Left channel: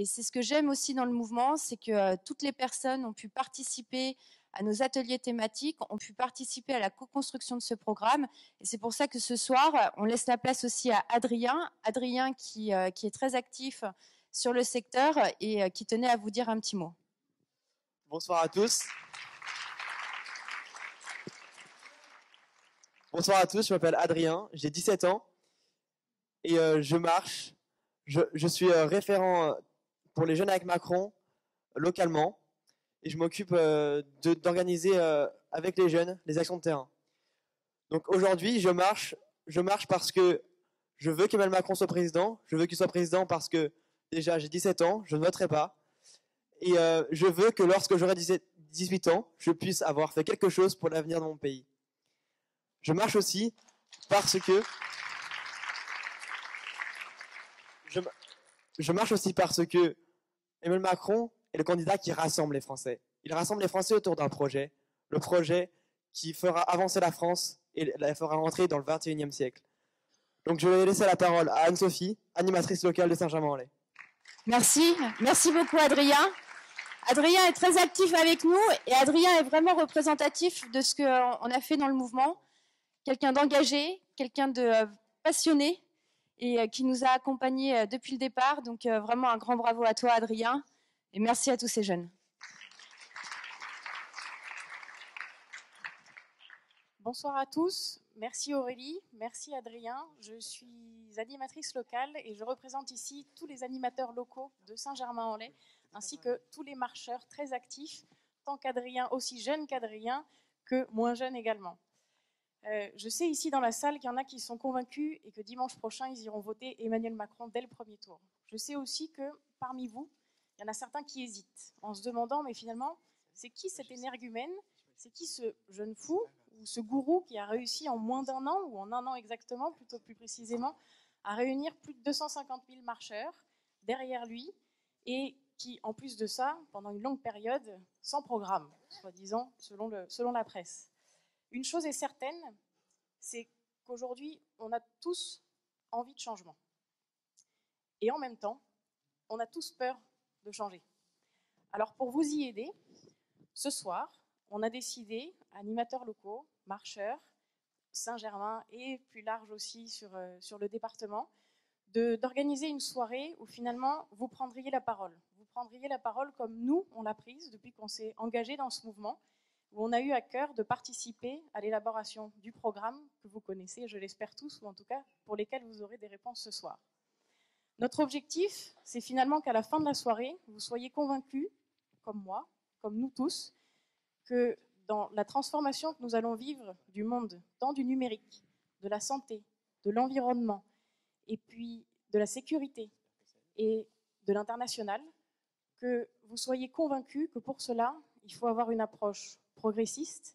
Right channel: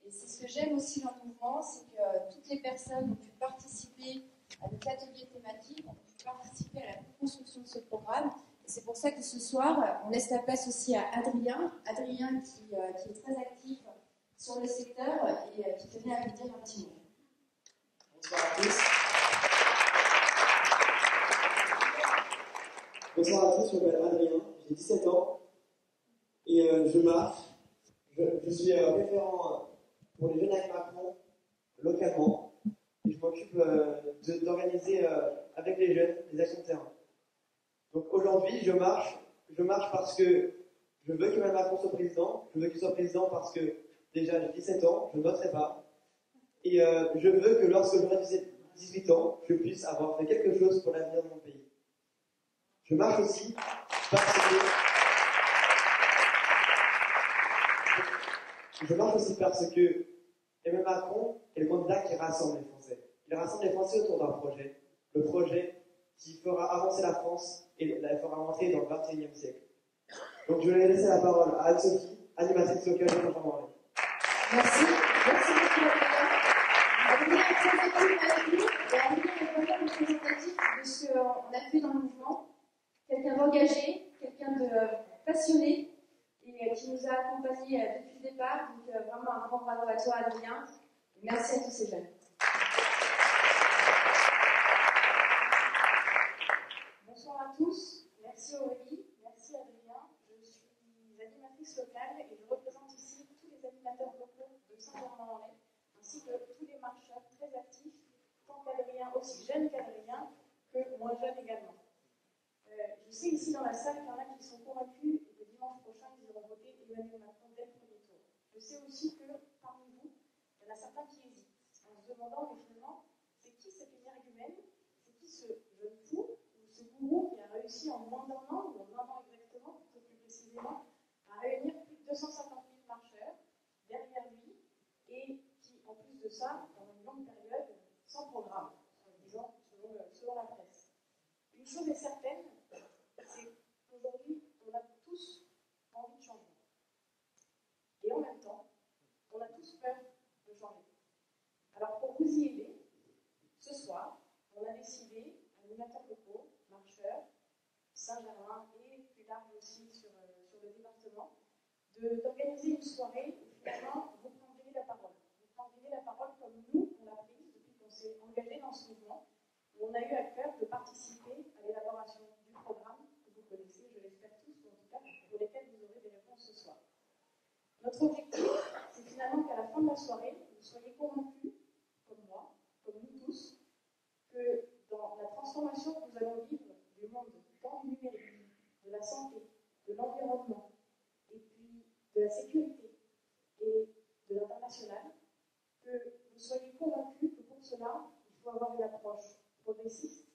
Et c'est ce que j'aime aussi dans le mouvement, c'est que toutes les personnes ont pu participer à nos ateliers thématiques, ont pu participer à la co-construction de ce programme. Et c'est pour ça que ce soir, on laisse la place aussi à Adrien. Adrien qui est très actif sur le secteur et qui tenait à vous dire un petit mot. Bonsoir à tous. Bonsoir à tous, je m'appelle Adrien, j'ai 17 ans et je marche. Je suis référent pour les Jeunes avec Macron localement et je m'occupe d'organiser avec les jeunes les actions de terrain. Donc aujourd'hui, je marche parce que je veux qu'Emmanuel Macron soit président. Je veux qu'il soit président parce que déjà j'ai 17 ans, je ne voterai pas. Et je veux que lorsque j'aurai 18 ans, je puisse avoir fait quelque chose pour l'avenir de mon pays. Je marche aussi parce que Emmanuel Macron est le candidat qui rassemble les Français. Il rassemble les Français autour d'un projet, le projet qui fera avancer la France et la fera rentrer dans le 21e siècle. Donc je vais laisser la parole à Anne-Sophie, animatrice locale de Saint-Germain-en-Laye. Merci beaucoup Adrien. Adrien est très actif avec nous et Adrien est vraiment représentatif de ce qu'on a fait dans le mouvement. Quelqu'un d'engagé, quelqu'un de passionné et qui nous a accompagnés depuis le départ. Donc vraiment un grand bravo à toi Adrien et merci à tous ces jeunes. Bonsoir à tous, merci Aurélie, merci Adrien. Je suis animatrice locale et je représente ici tous les animateurs locaux de Saint-Germain-en-Laye ainsi que tous les marcheurs très actifs, tant qu'Adrien, aussi jeune qu'Adrien, que moins jeune également. Je sais ici dans la salle qu'il y en a qui sont convaincus et que dimanche prochain, ils iront voter Emmanuel Macron dès le premier tour. Je sais aussi que parmi vous, il y en a certains qui hésitent en se demandant, mais finalement, c'est qui cet énergumène? C'est qui ce jeune fou ou ce gourou qui a réussi en moins d'un an, ou en un an exactement, plutôt plus précisément, à réunir plus de 250 000 marcheurs derrière lui et qui, en plus de ça, pendant une longue période, sans programme, soi-disant, selon la presse. Une chose est certaine, c'est qu'aujourd'hui, on a tous envie de changement. Et en même temps, on a tous peur de changer. Alors pour vous y aider, ce soir, on a décidé, animateurs locaux, marcheurs, Saint-Germain et plus large aussi sur le département, d'organiser une soirée où finalement vous prendriez la parole. Vous prendriez la parole comme nous, on l'a prise depuis qu'on s'est engagé dans ce mouvement, où on a eu à cœur de participer à l'élaboration du programme que vous connaissez, je l'espère tous, ou en tout cas pour lesquels vous aurez des réponses ce soir. Notre objectif, c'est finalement qu'à la fin de la soirée, vous soyez convaincus, comme moi, comme nous tous, que dans la transformation que nous allons vivre du monde, tant du numérique, de la santé, de l'environnement, et puis de la sécurité et de l'international, que vous soyez convaincus que pour cela, il faut avoir une approche progressiste,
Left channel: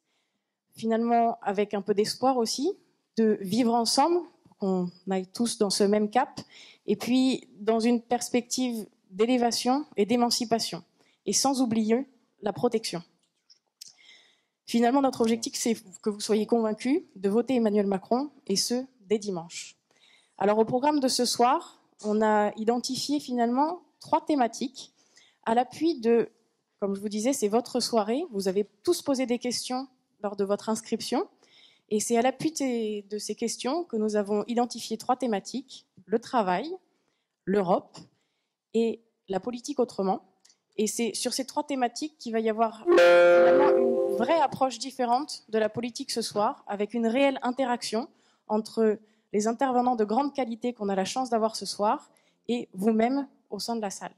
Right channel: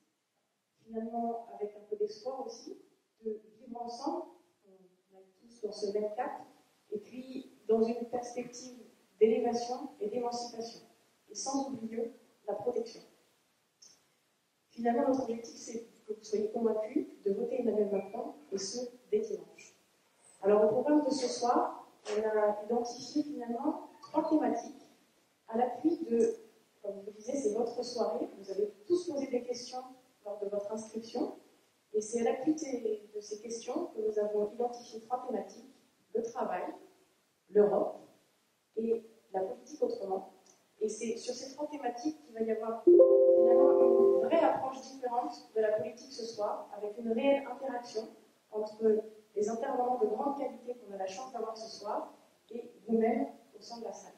finalement avec un peu d'espoir aussi, de vivre ensemble, qu'on aille tous dans ce même cap, et puis dans une perspective d'élévation et d'émancipation, et sans oublier la protection. Finalement, notre objectif, c'est que vous soyez convaincus de voter Emmanuel Macron, et ce, dès dimanche. Alors, au programme de ce soir, on a identifié finalement 3 thématiques à l'appui de, comme je vous disais, c'est votre soirée. Vous avez tous posé des questions lors de votre inscription. Et c'est à l'appui de ces questions que nous avons identifié 3 thématiques, le travail, l'Europe et la politique autrement. Et c'est sur ces 3 thématiques qu'il va y avoir finalement une vraie approche différente de la politique ce soir, avec une réelle interaction entre les intervenants de grande qualité qu'on a la chance d'avoir ce soir et vous-même au sein de la salle.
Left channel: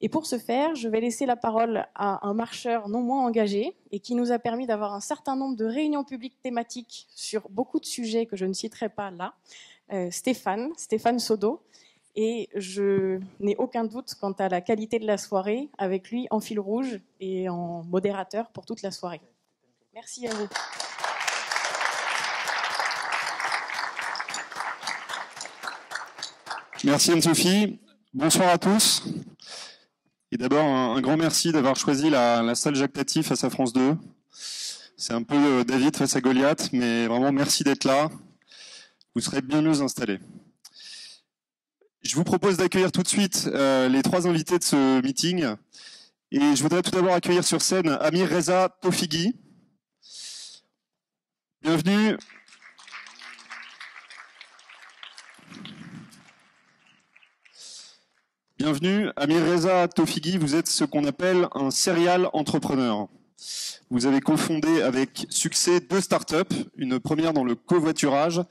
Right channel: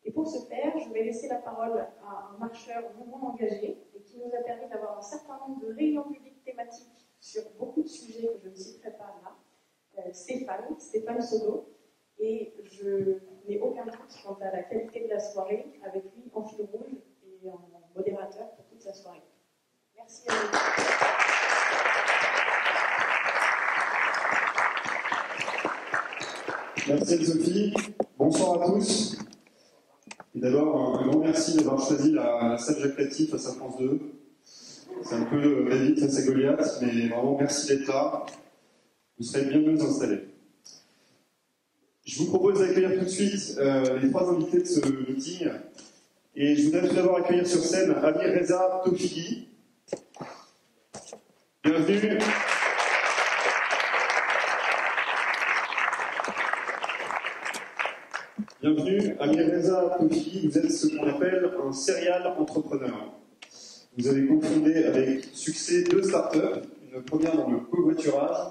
Et pour ce faire, je vais laisser la parole à un marcheur non moins engagé et qui nous a permis d'avoir un certain nombre de réunions publiques thématiques sur beaucoup de sujets que je ne citerai pas là, Stéphane Sodo. Et je n'ai aucun doute quant à la qualité de la soirée, avec lui en fil rouge et en modérateur pour toute la soirée. Merci à vous. Merci Anne-Sophie. Bonsoir à tous. Et d'abord, un grand merci d'avoir choisi la salle Jacques Tati face à France 2. C'est un peu David face à Goliath, mais vraiment merci d'être là. Vous serez bien mieux installés. Je vous propose d'accueillir tout de suite les trois invités de ce meeting. Et je voudrais tout d'abord accueillir sur scène Amir Reza Tofighi. Bienvenue. Bienvenue, Amir Reza Tofighi, vous êtes ce qu'on appelle un serial entrepreneur. Vous avez cofondé avec succès 2 startups, une première dans le covoiturage,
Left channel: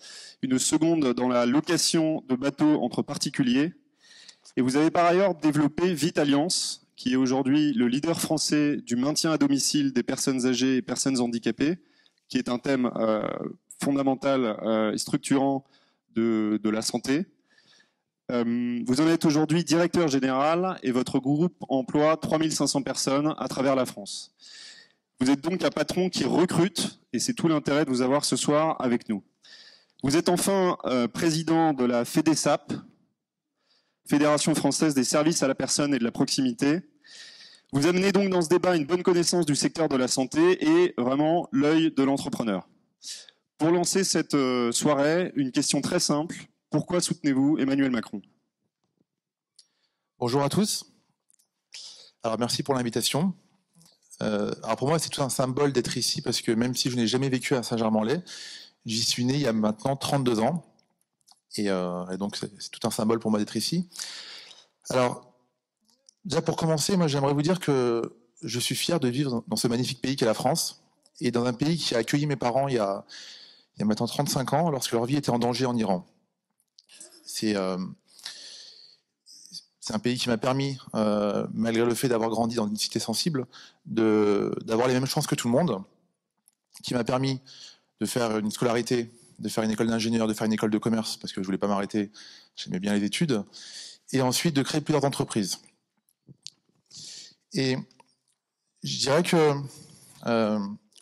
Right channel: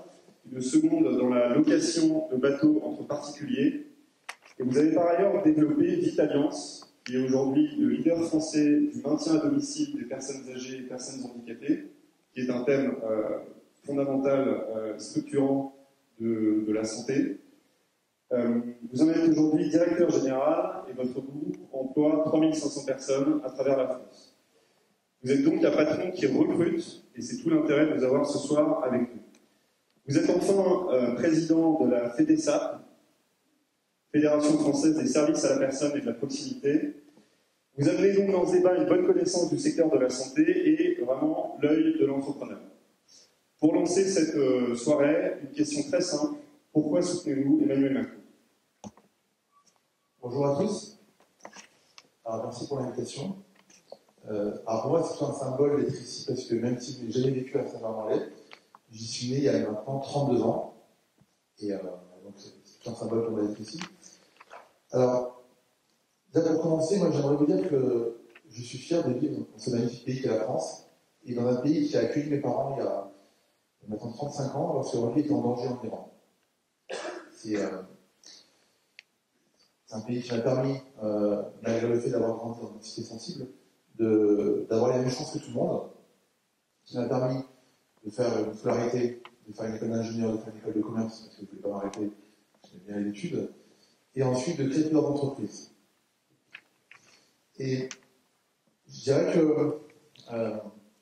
une seconde dans la location de bateaux entre particuliers. Et vous avez par ailleurs développé Vitalliance, qui est aujourd'hui le leader français du maintien à domicile des personnes âgées et personnes handicapées, qui est un thème fondamental et structurant de la santé. Vous en êtes aujourd'hui directeur général et votre groupe emploie 3500 personnes à travers la France. Vous êtes donc un patron qui recrute et c'est tout l'intérêt de vous avoir ce soir avec nous. Vous êtes enfin président de la FEDESAP, Fédération française des services à la personne et de la proximité. Vous amenez donc dans ce débat une bonne connaissance du secteur de la santé et vraiment l'œil de l'entrepreneur. Pour lancer cette soirée, une question très simple. Pourquoi soutenez-vous Emmanuel Macron? Bonjour à tous. Alors merci pour l'invitation. Alors pour moi, c'est tout un symbole d'être ici parce que même si je n'ai jamais vécu à Saint-Germain-en-Laye, j'y suis né il y a maintenant 32 ans. Et donc c'est tout un symbole pour moi d'être ici. Alors, déjà pour commencer, moi j'aimerais vous dire que je suis fier de vivre dans ce magnifique pays qu'est la France, et dans un pays qui a accueilli mes parents il y a maintenant 35 ans, lorsque leur vie était en danger en Iran. C'est un pays qui m'a permis, malgré le fait d'avoir grandi dans une cité sensible, d'avoir les mêmes chances que tout le monde, qui m'a permis de faire une scolarité, de faire une école d'ingénieur, de faire une école de commerce, parce que je ne voulais pas m'arrêter, j'aimais bien les études, et ensuite de créer plusieurs entreprises. Et je dirais que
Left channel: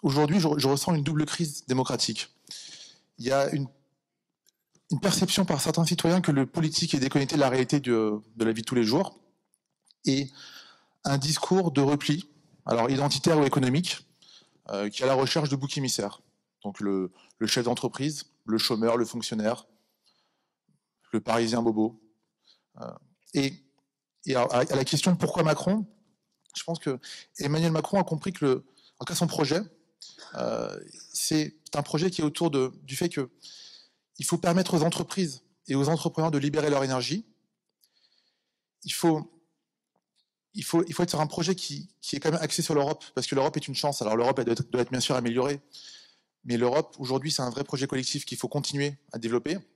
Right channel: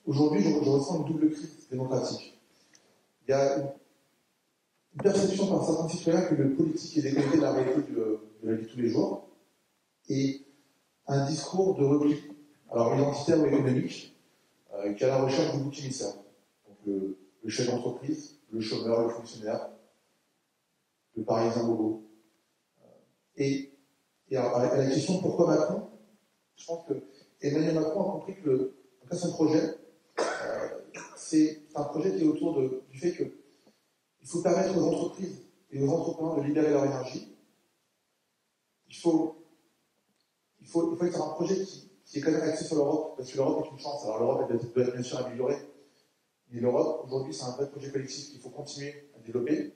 aujourd'hui, je ressens une double crise démocratique. Il y a une perception par certains citoyens que le politique est déconnecté de la réalité de la vie de tous les jours, et un discours de repli, alors identitaire ou économique, qui est à la recherche de boucs émissaires. Donc le chef d'entreprise, le chômeur, le fonctionnaire, le parisien bobo. Et alors, à la question de pourquoi Macron, je pense que Emmanuel Macron a compris que en tout cas son projet, c'est un projet qui est autour du fait qu'il faut permettre aux entreprises et aux entrepreneurs de libérer leur énergie. Il faut être sur un projet qui est quand même axé sur l'Europe, parce que l'Europe est une chance. Alors l'Europe doit être bien sûr améliorée, mais l'Europe, aujourd'hui, c'est un vrai projet collectif qu'il faut continuer à développer.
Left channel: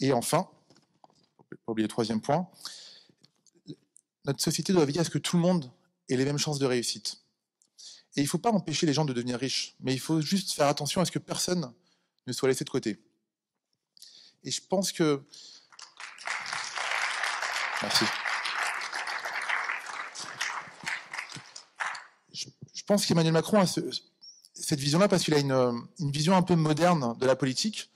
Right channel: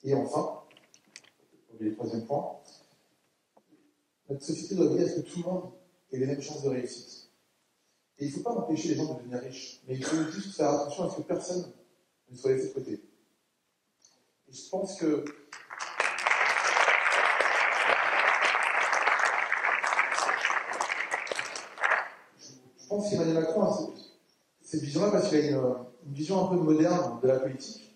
Et enfin, je ne vais pas oublier le troisième point, notre société doit veiller à ce que tout le monde ait les mêmes chances de réussite. Et il ne faut pas empêcher les gens de devenir riches, mais il faut juste faire attention à ce que personne ne soit laissé de côté. Et je pense que... Merci. Je pense qu'Emmanuel Macron a cette vision-là parce qu'il a une vision un peu moderne de la politique.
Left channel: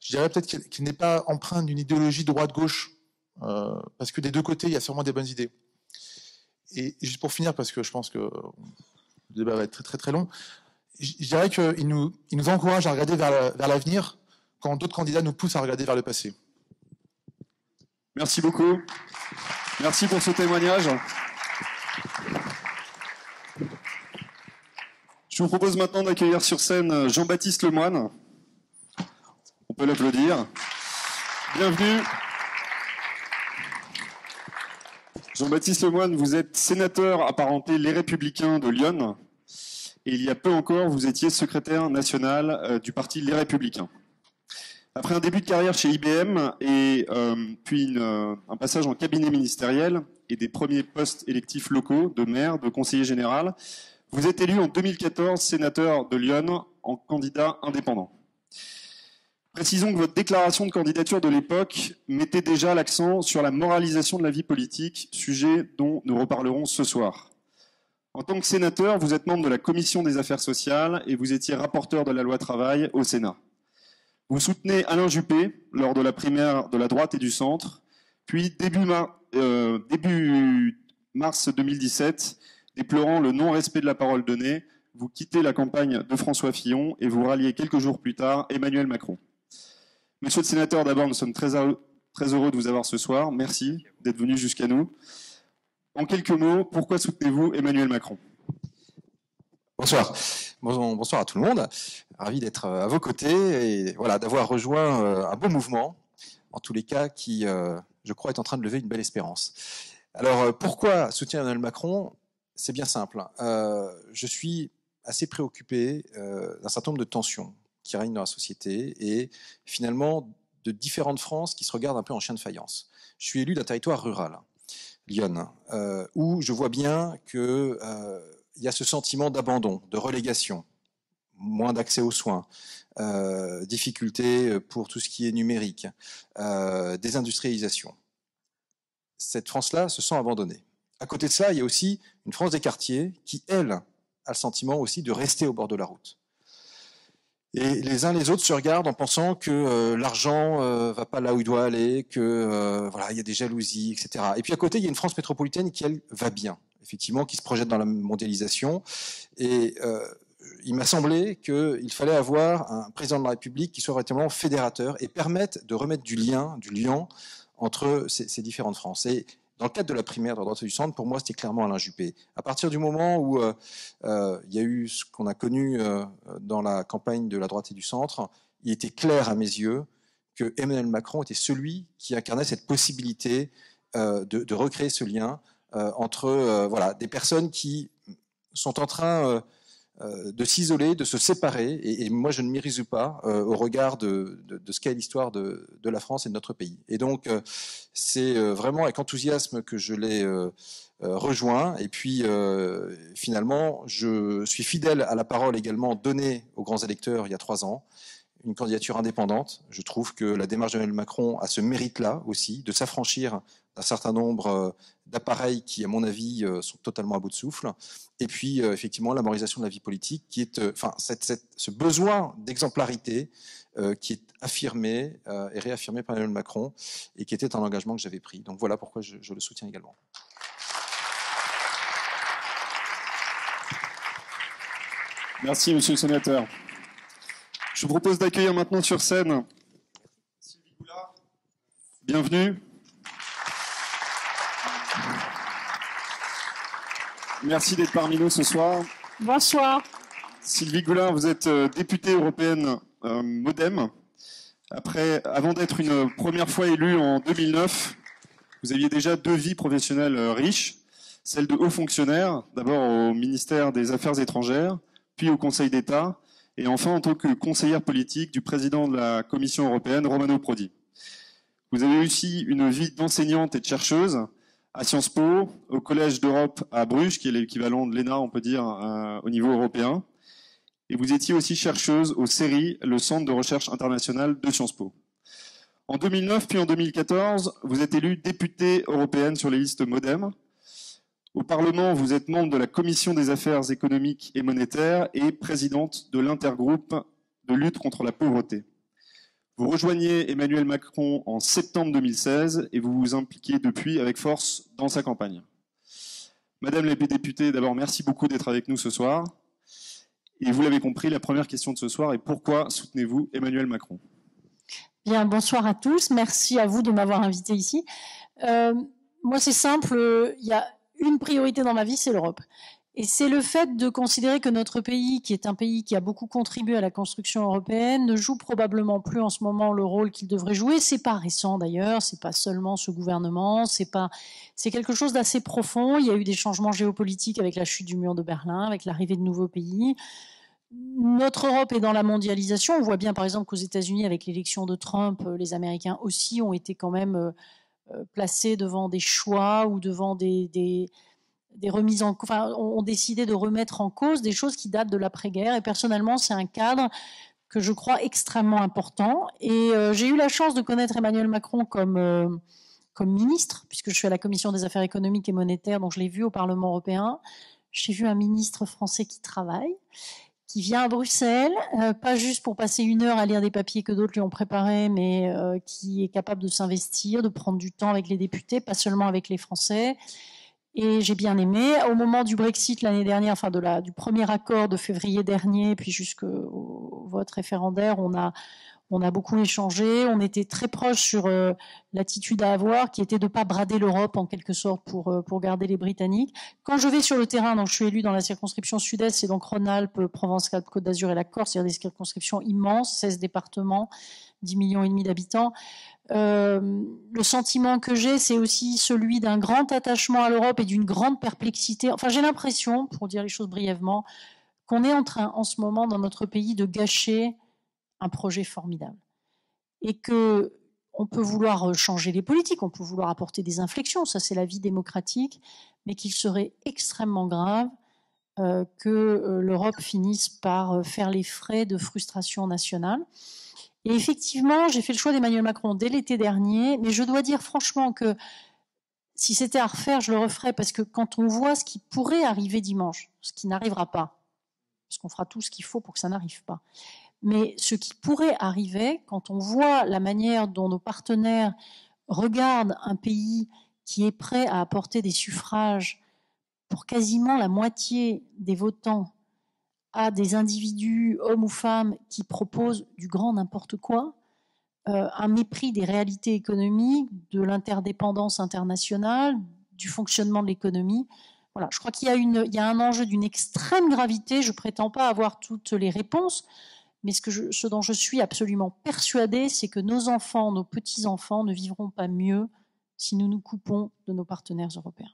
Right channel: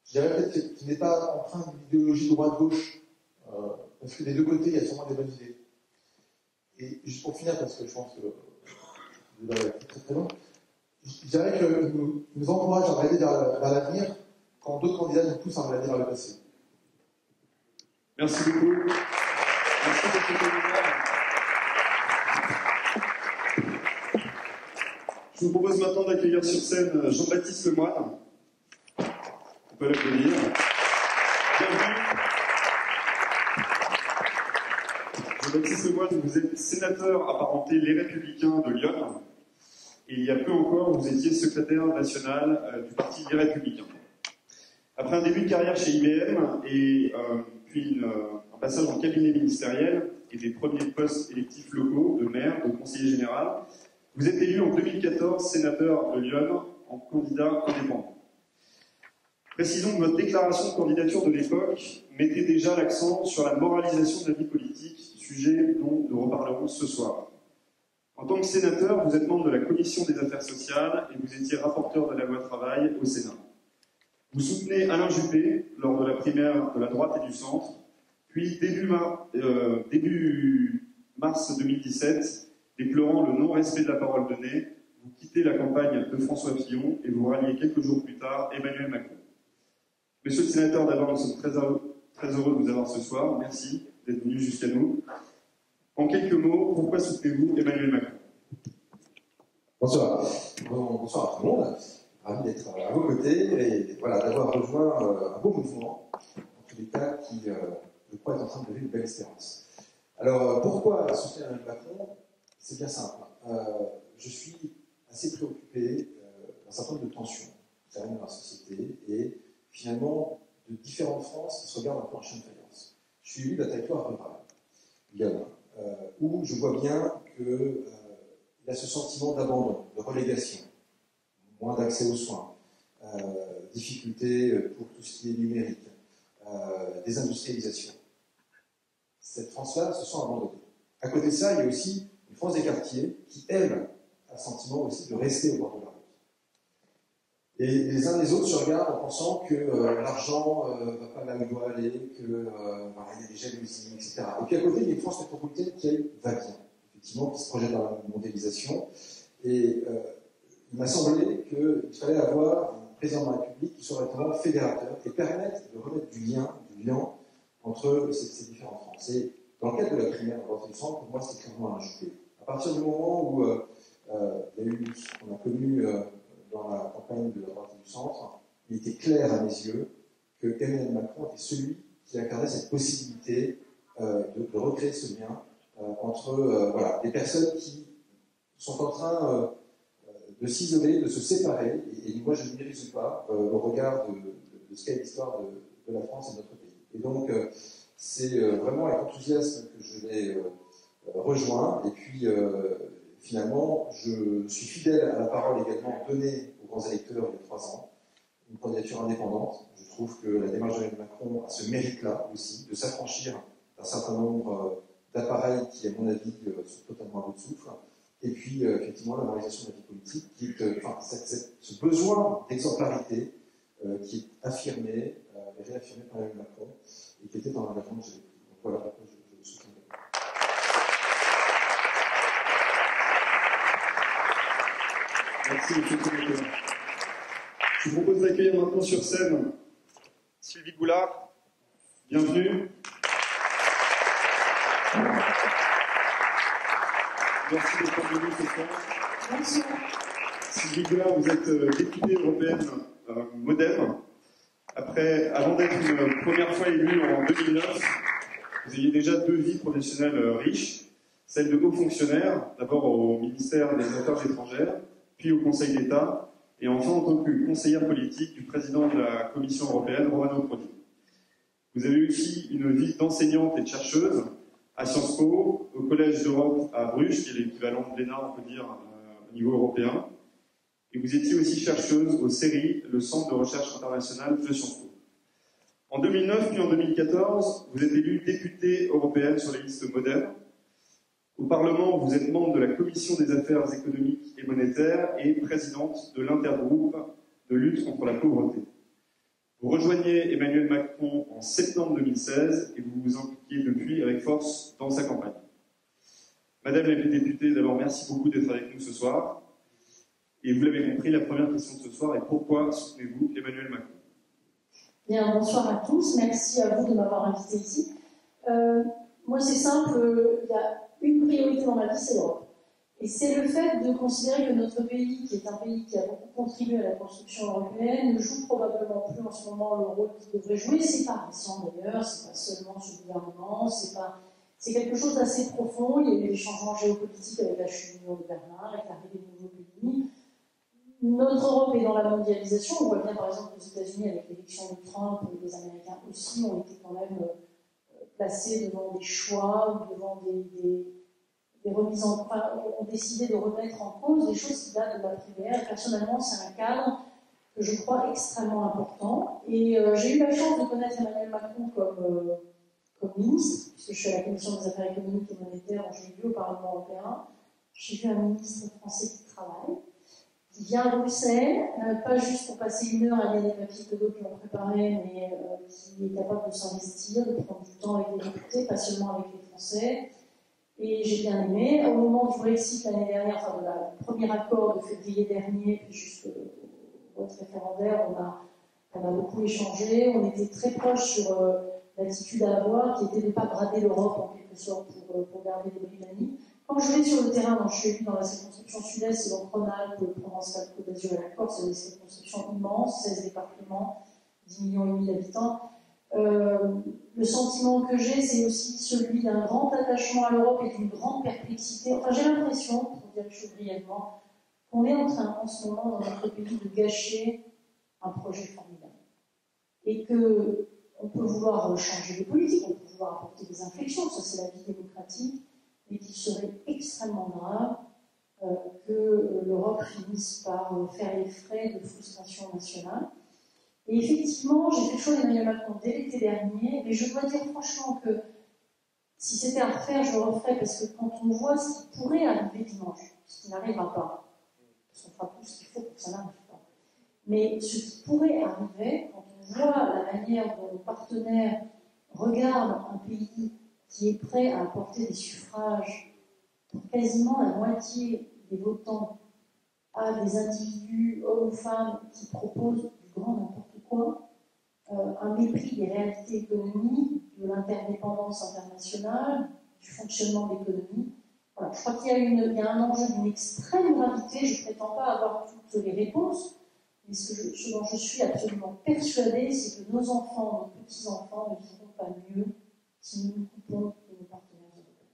Je dirais peut-être qu'il n'est pas empreint d'une idéologie droite-gauche, parce que des deux côtés, il y a sûrement des bonnes idées. Et juste pour finir, parce que je pense que le débat va être très très très long, je dirais qu'il nous encourage à regarder vers l'avenir quand d'autres candidats nous poussent à regarder vers le passé. Merci beaucoup. Merci pour ce témoignage. Je vous propose maintenant d'accueillir sur scène Jean-Baptiste Lemoyne. On peut l'applaudir. Bienvenue. Jean-Baptiste Lemoyne, vous êtes sénateur apparenté Les Républicains de Lyon. Et il y a peu encore, vous étiez secrétaire national du parti Les Républicains. Après un début de carrière chez IBM et puis un passage en cabinet ministériel et des premiers postes électifs locaux de maire, de conseiller général, vous êtes élu en 2014 sénateur de Lyon en candidat indépendant. Précisons que votre déclaration de candidature de l'époque mettait déjà l'accent sur la moralisation de la vie politique, sujet dont nous reparlerons ce soir. En tant que sénateur, vous êtes membre de la Commission des affaires sociales et vous étiez rapporteur de la loi travail au Sénat. Vous soutenez Alain Juppé lors de la primaire de la droite et du centre, puis début mars 2017, déplorant le non-respect de la parole donnée, vous quittez la campagne de François Fillon et vous ralliez quelques jours plus tard Emmanuel Macron. Monsieur le sénateur, d'abord, nous sommes très Très heureux de vous avoir ce soir. Merci d'être venu jusqu'à nous. En quelques mots, pourquoi soutenez-vous Emmanuel Macron? Bonsoir. Bonsoir à tout le monde. Ravi d'être à vos côtés et voilà, d'avoir rejoint un beau mouvement, en tous les cas, qui, je crois, est en train de lever une belle espérance. Alors, pourquoi soutenir Emmanuel Macron? C'est bien simple. Je suis assez préoccupé d'un certain nombre de tensions qui règnent dans la société et finalement de différentes France qui se regardent un peu en chien de faïence. Je suis élu d'un territoire rural, Lyon, où je vois bien qu'il y a ce sentiment d'abandon, de relégation, moins d'accès aux soins, difficultés pour tout ce qui est numérique, désindustrialisation. Cette France-là se sent abandonnée. À côté de ça, il y a aussi une France des quartiers qui, elle, a le sentiment aussi de rester au bord de la route. Et les uns les autres se regardent en pensant que l'argent va pas là où il doit aller, que voilà, il y a des jalousies, etc. Et puis à côté, il y a une France métropolitaine qui, elle, va bien, effectivement, qui se projette dans la mondialisation. Et il m'a semblé qu'il fallait avoir un président de la République qui soit véritablement fédérateur et permette de remettre du lien entre ces différentes France. Et dans le cadre de la primaire de la droite et du centre, pour moi, c'était clairement Alain Juppé. À partir du moment où il y a eu ce qu'on a connu dans la campagne de la droite et du centre, il était clair à mes yeux que Emmanuel Macron était celui qui incarnait cette possibilité de recréer ce lien entre voilà, des personnes qui sont en train de s'isoler, de se séparer, et moi je ne m'y résous pas au regard de ce qu'est l'histoire de la France et de notre pays. Et donc c'est vraiment avec enthousiasme que je l'ai rejoint, et puis finalement je suis fidèle à la parole également donnée aux grands électeurs il y a 3 ans, une candidature indépendante. Je trouve que la démarche d'Emmanuel Macron a ce mérite-là aussi, de s'affranchir d'un certain nombre d'appareils qui, à mon avis, sont totalement à bout de souffle. Et puis, effectivement, la moralisation de la vie politique, qui est, ce besoin d'exemplarité qui est affirmé et réaffirmé par Emmanuel Macron, et qui était un engagement que j'avais pris. Donc voilà pourquoi je le soutiens également. Merci, monsieur le sénateur. Je vous propose d'accueillir maintenant sur scène Sylvie Goulard. Bienvenue. Merci d'être parmi nous ce soir. Bonsoir. Sylvie Goulard, vous êtes députée européenne MoDem. Avant d'être une première fois élue en 2009, vous aviez déjà 2 vies professionnelles riches. Celle de haut fonctionnaire, d'abord au ministère des Affaires étrangères, puis au Conseil d'État, et enfin en tant que conseillère politique du président de la Commission européenne, Romano Prodi. Vous avez aussi une vie d'enseignante et de chercheuse à Sciences Po, au Collège d'Europe à Bruges, qui est l'équivalent de l'ENA, on peut dire, au niveau européen. Et vous étiez aussi chercheuse au CERI, le Centre de recherche international de Sciences Po. En 2009 puis en 2014, vous êtes élue députée européenne sur les listes MoDem. Au Parlement, vous êtes membre de la Commission des affaires économiques et monétaires et présidente de l'intergroupe de lutte contre la pauvreté. Vous rejoignez Emmanuel Macron en septembre 2016 et vous vous impliquez depuis avec force dans sa campagne. Madame la députée, d'abord, merci beaucoup d'être avec nous ce soir. Et vous l'avez compris, la première question de ce soir est pourquoi soutenez-vous Emmanuel Macron? Bien, bonsoir à tous. Merci à vous de m'avoir invité ici. Moi, c'est simple. Il y a une priorité dans ma vie, c'est l'Europe. Et c'est le fait de considérer que notre pays, qui est un pays qui a beaucoup contribué à la construction européenne, ne joue probablement plus en ce moment le rôle qu'il devrait jouer. C'est pas récent d'ailleurs, c'est pas seulement ce gouvernement, c'est quelque chose d'assez profond. Il y a eu des changements géopolitiques avec la chute du mur de Berlin, avec l'arrivée de nouveaux pays. Notre Europe est dans la mondialisation. On voit bien par exemple qu'aux États-Unis, avec l'élection de Trump, les Américains aussi ont été quand même placés devant des choix ou devant des remises en, enfin, ont décidé de remettre en cause des choses qui datent de l'après-guerre. Et personnellement, c'est un cadre que je crois extrêmement important. Et j'ai eu la chance de connaître Emmanuel Macron comme ministre, puisque je suis à la Commission des affaires économiques et monétaires, donc je l'ai vu au Parlement européen. J'ai vu un ministre français qui travaille, qui vient à Bruxelles, pas juste pour passer 1 heure à lire des papiers que d'autres lui ont préparés, mais qui est capable de s'investir, de prendre du temps avec les députés, pas seulement avec les Français. Et j'ai bien aimé. Au moment du Brexit l'année dernière, enfin du premier accord de février dernier, puis jusqu'au vote référendaire, On a beaucoup échangé, on était très proches sur l'attitude à avoir, qui était de ne pas brader l'Europe en quelque sorte pour garder les Britanniques. Quand je vais sur le terrain, donc je suis élue dans la circonscription sud-est, c'est donc Rhône-Alpes, Provence-Alpes, Côte d'Azur et la Corse, c'est-à-dire des circonscriptions immenses, 16 départements, 10,5 millions d'habitants. Le sentiment que j'ai, c'est aussi celui d'un grand attachement à l'Europe et d'une grande perplexité. Enfin, j'ai l'impression, pour dire les choses brièvement, qu'on est en train, en ce moment, dans notre pays, de gâcher un projet formidable. Et qu'on peut vouloir changer les politiques, on peut vouloir apporter des inflexions, ça c'est la vie démocratique, mais qu'il serait extrêmement grave que l'Europe finisse par faire les frais de frustration nationale. Et effectivement, j'ai fait le choix d'Emmanuel Macron dès l'été dernier, mais je dois dire franchement que si c'était à refaire, je le referais, parce que quand on voit ce qui pourrait arriver dimanche, ce qui n'arrivera pas, parce qu'on fera tout ce qu'il faut pour que ça n'arrive pas, mais ce qui pourrait arriver, quand on voit la manière dont nos partenaires regardent un pays qui est prêt à apporter des suffrages pour quasiment la moitié des votants à des individus, hommes ou femmes, qui proposent du grand n'importe quoi, un mépris des réalités économiques, de l'interdépendance internationale, du fonctionnement de l'économie. Voilà, je crois qu'il y a un enjeu d'une extrême gravité. Je ne prétends pas avoir toutes les réponses, mais ce dont je suis absolument persuadée, c'est que nos enfants, nos petits-enfants ne vivront pas mieux si nous nous coupons de nos partenaires européens.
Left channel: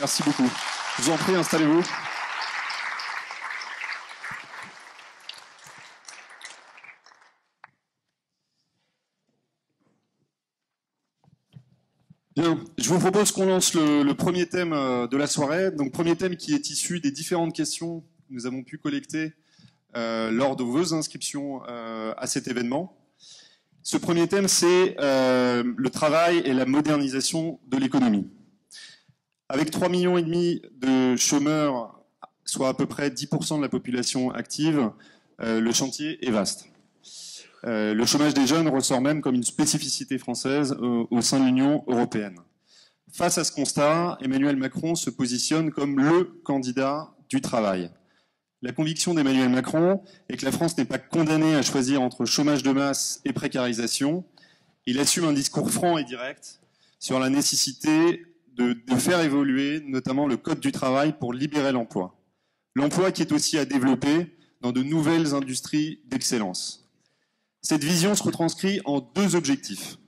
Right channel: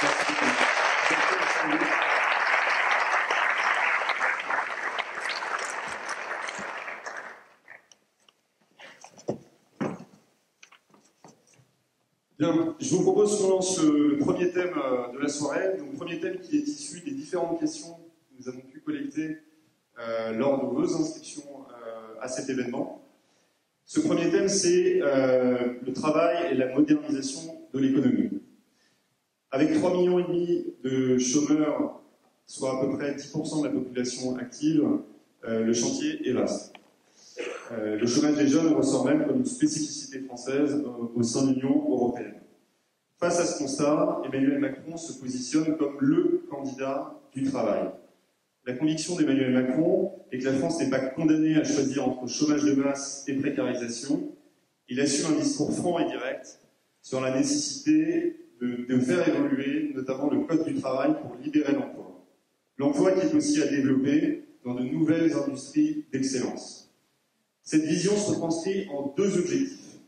Merci beaucoup. Je vous en prie, installez-vous. Bien, je vous propose qu'on lance le premier thème de la soirée. Donc, premier thème qui est issu des différentes questions que nous avons pu collecter lors de vos inscriptions à cet événement. Ce premier thème, c'est le travail et la modernisation de l'économie. Avec 3,5 millions de chômeurs, soit à peu près 10% de la population active, le chantier est vaste. Le chômage des jeunes ressort même comme une spécificité française au sein de l'Union européenne. Face à ce constat, Emmanuel Macron se positionne comme le candidat du travail. La conviction d'Emmanuel Macron est que la France n'est pas condamnée à choisir entre chômage de masse et précarisation. Il assume un discours franc et direct sur la nécessité de faire évoluer notamment le code du travail pour libérer l'emploi. L'emploi qui est aussi à développer dans de nouvelles industries d'excellence. Cette vision se retranscrit en 2 objectifs.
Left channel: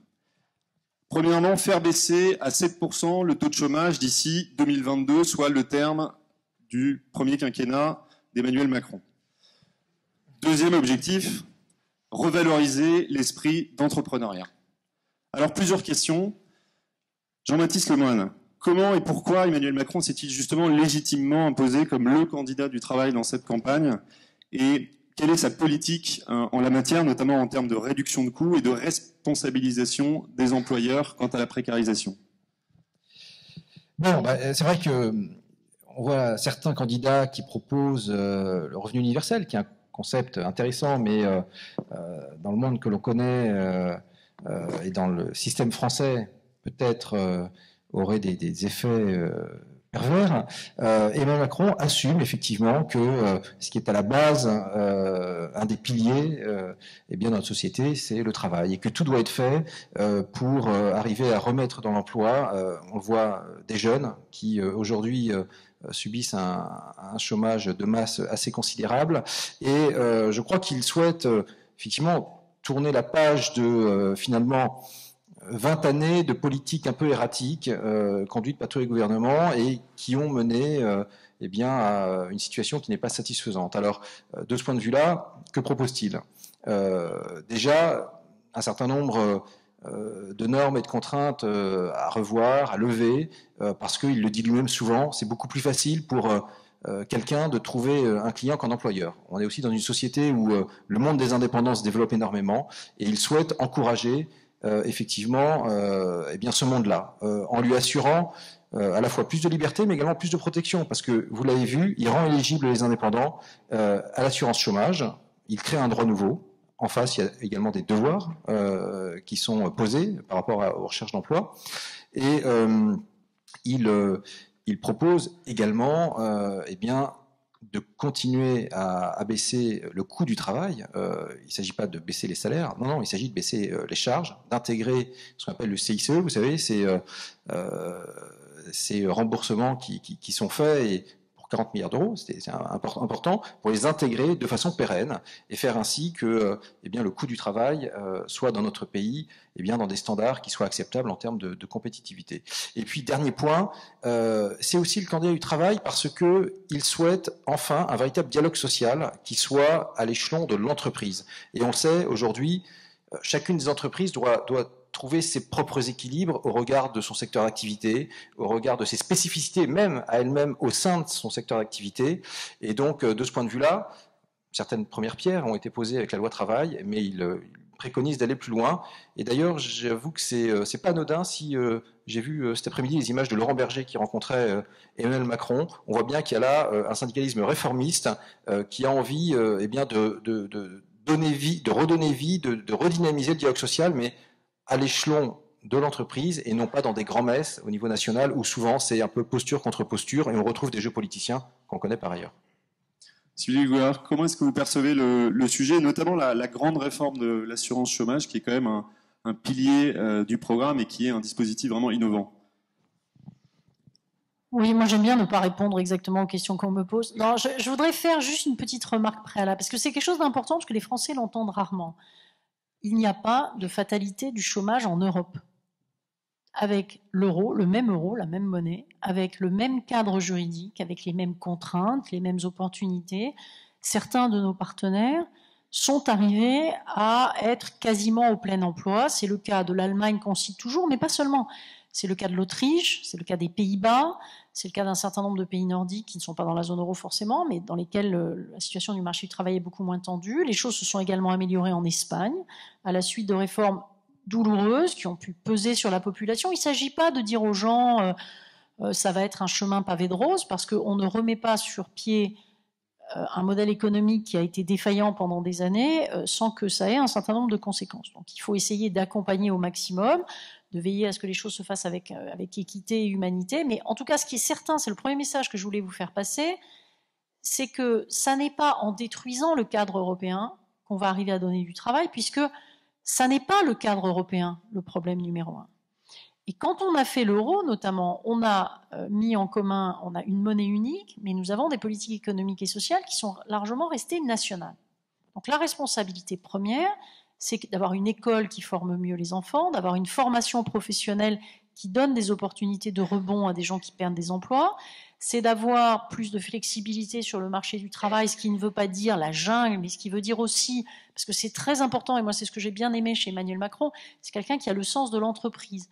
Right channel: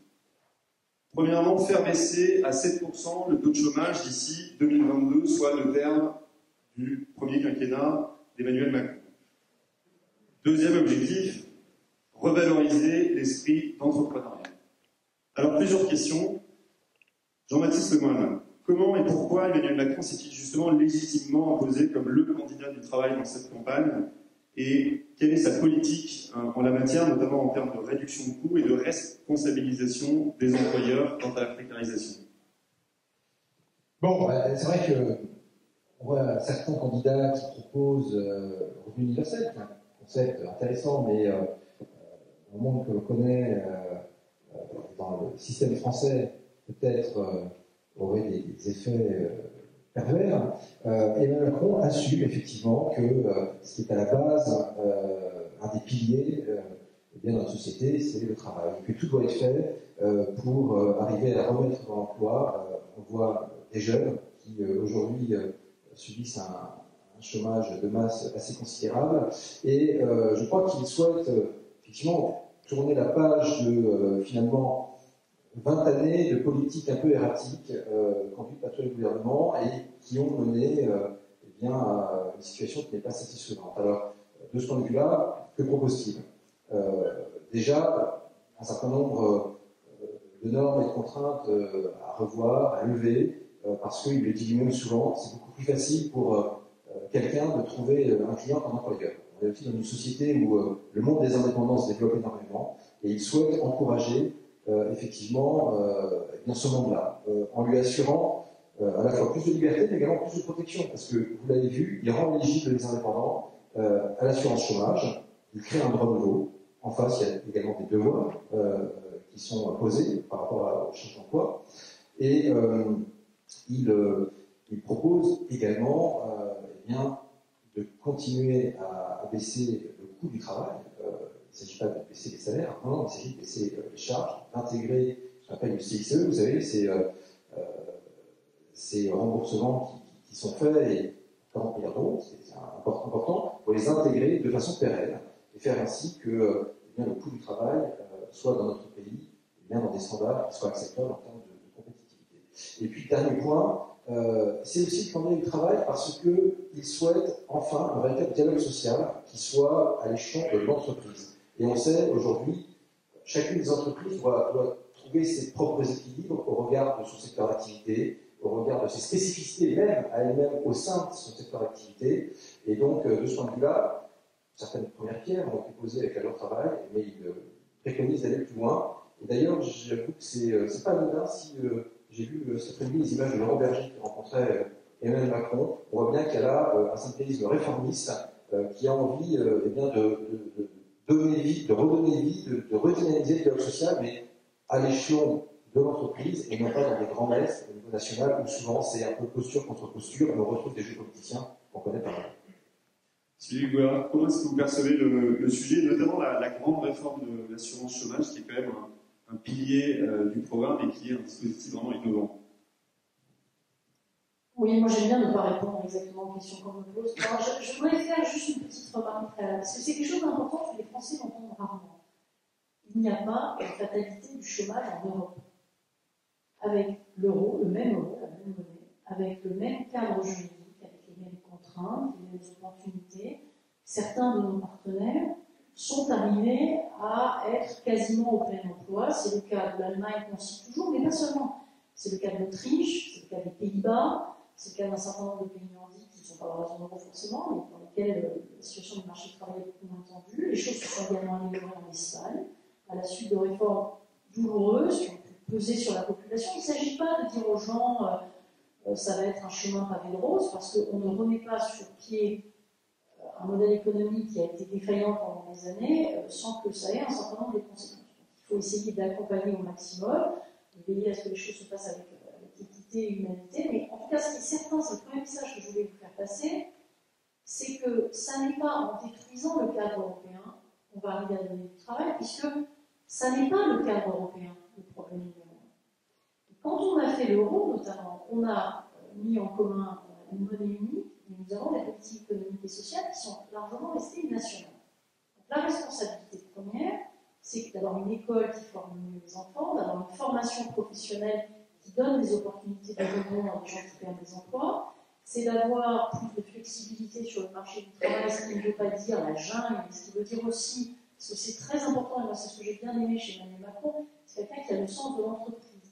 Premièrement, faire baisser à 7% le taux de chômage d'ici 2022, soit le terme du premier quinquennat d'Emmanuel Macron. Deuxième objectif, revaloriser l'esprit d'entrepreneuriat. Alors, plusieurs questions. Jean-Baptiste Lemoyne, comment et pourquoi Emmanuel Macron s'est-il justement légitimement imposé comme le candidat du travail dans cette campagne? Et quelle est sa politique en la matière, notamment en termes de réduction de coûts et de responsabilisation des employeurs quant à la précarisation? Bon, c'est vrai qu'on voit certains candidats qui proposent le revenu universel, qui est un concept intéressant, mais dans le monde que l'on connaît et dans le système français, peut-être aurait des effets pervers. Emmanuel Macron assume effectivement que ce qui est à la base, un des piliers eh bien, de notre société, c'est le travail, et que tout doit être fait pour arriver à remettre dans l'emploi. On voit des jeunes qui aujourd'hui subissent un chômage de masse assez considérable, et je crois qu'il souhaite effectivement tourner la page de finalement 20 années de politique un peu erratique conduite par tous les gouvernements et qui ont mené eh bien, à une situation qui n'est pas satisfaisante. Alors, de ce point de vue-là, que propose-t-il? Déjà, un certain nombre de normes et de contraintes à revoir, à lever, parce qu'il le dit lui-même souvent, c'est beaucoup plus facile pour quelqu'un de trouver un client qu'un employeur. On est aussi dans une société où le monde des indépendants se développe énormément, et il souhaite encourager effectivement eh bien ce monde-là, en lui assurant à la fois plus de liberté, mais également plus de protection, parce que, vous l'avez vu, il rend éligibles les indépendants à l'assurance chômage, il crée un droit nouveau. En face, il y a également des devoirs qui sont posés par rapport aux recherches d'emploi, et il propose également eh bien, de continuer à baisser le coût du travail. Il ne s'agit pas de baisser les salaires, non, il s'agit de baisser les charges, d'intégrer ce qu'on appelle le CICE, vous savez, ces remboursements qui sont faits, et pour 40 milliards d'euros, c'est important, pour les intégrer de façon pérenne, et faire ainsi que le coût du travail soit dans notre pays dans des standards qui soient acceptables en termes de compétitivité. Et puis, dernier point, c'est aussi le candidat du travail parce qu'il souhaite enfin un véritable dialogue social qui soit à l'échelon de l'entreprise. Et on le sait, aujourd'hui, chacune des entreprises doit trouver ses propres équilibres au regard de son secteur d'activité, au regard de ses spécificités, même à elle-même au sein de son secteur d'activité. Et donc, de ce point de vue-là, certaines premières pierres ont été posées avec la loi travail, mais il préconise d'aller plus loin. Et d'ailleurs, j'avoue que c'est pas anodin si j'ai vu cet après-midi les images de Laurent Berger qui rencontrait Emmanuel Macron. On voit bien qu'il y a là un syndicalisme réformiste qui a envie de redonner vie, de redynamiser le dialogue social, mais à l'échelon de l'entreprise et non pas dans des grands-messes au niveau national où souvent c'est un peu posture contre posture et on retrouve des jeux politiciens qu'on connaît par ailleurs. Sylvie Gouard, comment est-ce que vous percevez le sujet, notamment la grande réforme de l'assurance chômage, qui est quand même un pilier du programme et qui est un dispositif vraiment innovant? Oui, moi j'aime bien ne pas répondre exactement aux questions qu'on me pose. Non, je voudrais faire juste une petite remarque préalable, parce que c'est quelque chose d'important, parce que les Français l'entendent rarement. Il n'y a pas de fatalité du chômage en Europe. Avec l'euro, le même euro, la même monnaie, avec le même cadre juridique, avec les mêmes contraintes, les mêmes opportunités, certains de nos partenaires sont arrivés à être quasiment au plein emploi. C'est le cas de l'Allemagne qu'on cite toujours, mais pas seulement. C'est le cas de l'Autriche, c'est le cas des Pays-Bas, c'est le cas d'un certain nombre de pays nordiques qui ne sont pas dans la zone euro forcément, mais dans lesquels la situation du marché du travail est beaucoup moins tendue. Les choses se sont également améliorées en Espagne, à la suite de réformes douloureuses qui ont pu peser sur la population. Il ne s'agit pas de dire aux gens ça va être un chemin pavé de roses, parce qu'on ne remet pas sur pied un modèle économique qui a été défaillant pendant des années sans que ça ait un certain nombre de conséquences. Donc il faut essayer d'accompagner au maximum, de veiller à ce que les choses se fassent avec équité et humanité. Mais en tout cas, ce qui est certain, c'est le premier message que je voulais vous faire passer, c'est que ça n'est pas en détruisant le cadre européen qu'on va arriver à donner du travail, puisque ça n'est pas le cadre européen le problème numéro un. Et quand on a fait l'euro, notamment, on a mis en commun, on a une monnaie unique, mais nous avons des politiques économiques et sociales qui sont largement restées nationales. Donc la responsabilité première, c'est d'avoir une école qui forme mieux les enfants, d'avoir une formation professionnelle qui donne des opportunités de rebond à des gens qui perdent des emplois, c'est d'avoir plus de flexibilité sur le marché du travail, ce qui ne veut pas dire la jungle, mais ce qui veut dire aussi, parce que c'est très important, et moi c'est ce que j'ai bien aimé chez Emmanuel Macron, c'est quelqu'un qui a le sens de l'entreprise.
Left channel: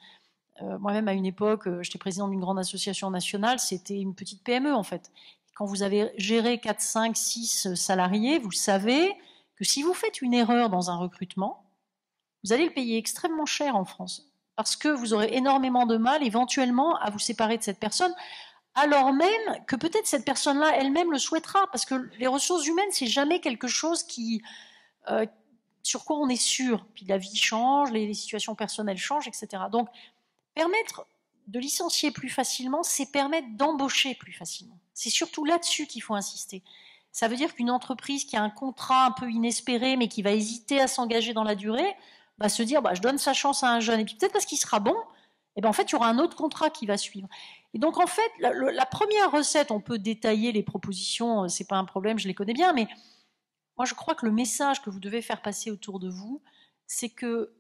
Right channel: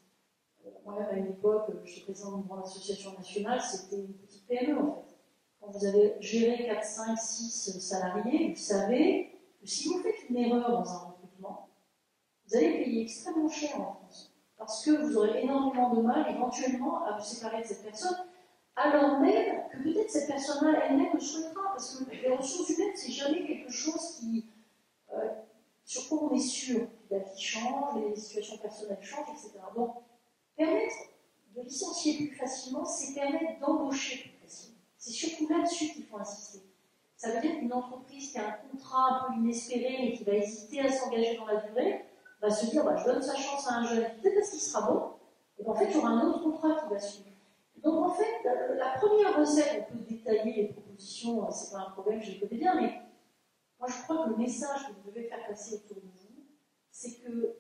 Moi-même, à une époque, j'étais présidente d'une grande association nationale, c'était une petite PME en fait. Quand vous avez géré 4, 5, 6 salariés, vous savez que si vous faites une erreur dans un recrutement, vous allez le payer extrêmement cher en France, parce que vous aurez énormément de mal éventuellement à vous séparer de cette personne, alors même que peut-être cette personne-là elle-même le souhaitera, parce que les ressources humaines, c'est jamais quelque chose sur quoi on est sûr. Puis la vie change, les situations personnelles changent, etc. Donc, permettre de licencier plus facilement, c'est permettre d'embaucher plus facilement. C'est surtout là-dessus qu'il faut insister. Ça veut dire qu'une entreprise qui a un contrat un peu inespéré, mais qui va hésiter à s'engager dans la durée, va se dire je donne sa chance à un jeune, et puis peut-être parce qu'il sera bon, et en fait, il y aura un autre contrat qui va suivre. Et donc, en fait, la première recette, on peut détailler les propositions, c'est pas un problème, je les connais bien, mais moi, je crois que le message que vous devez faire passer autour de vous, c'est que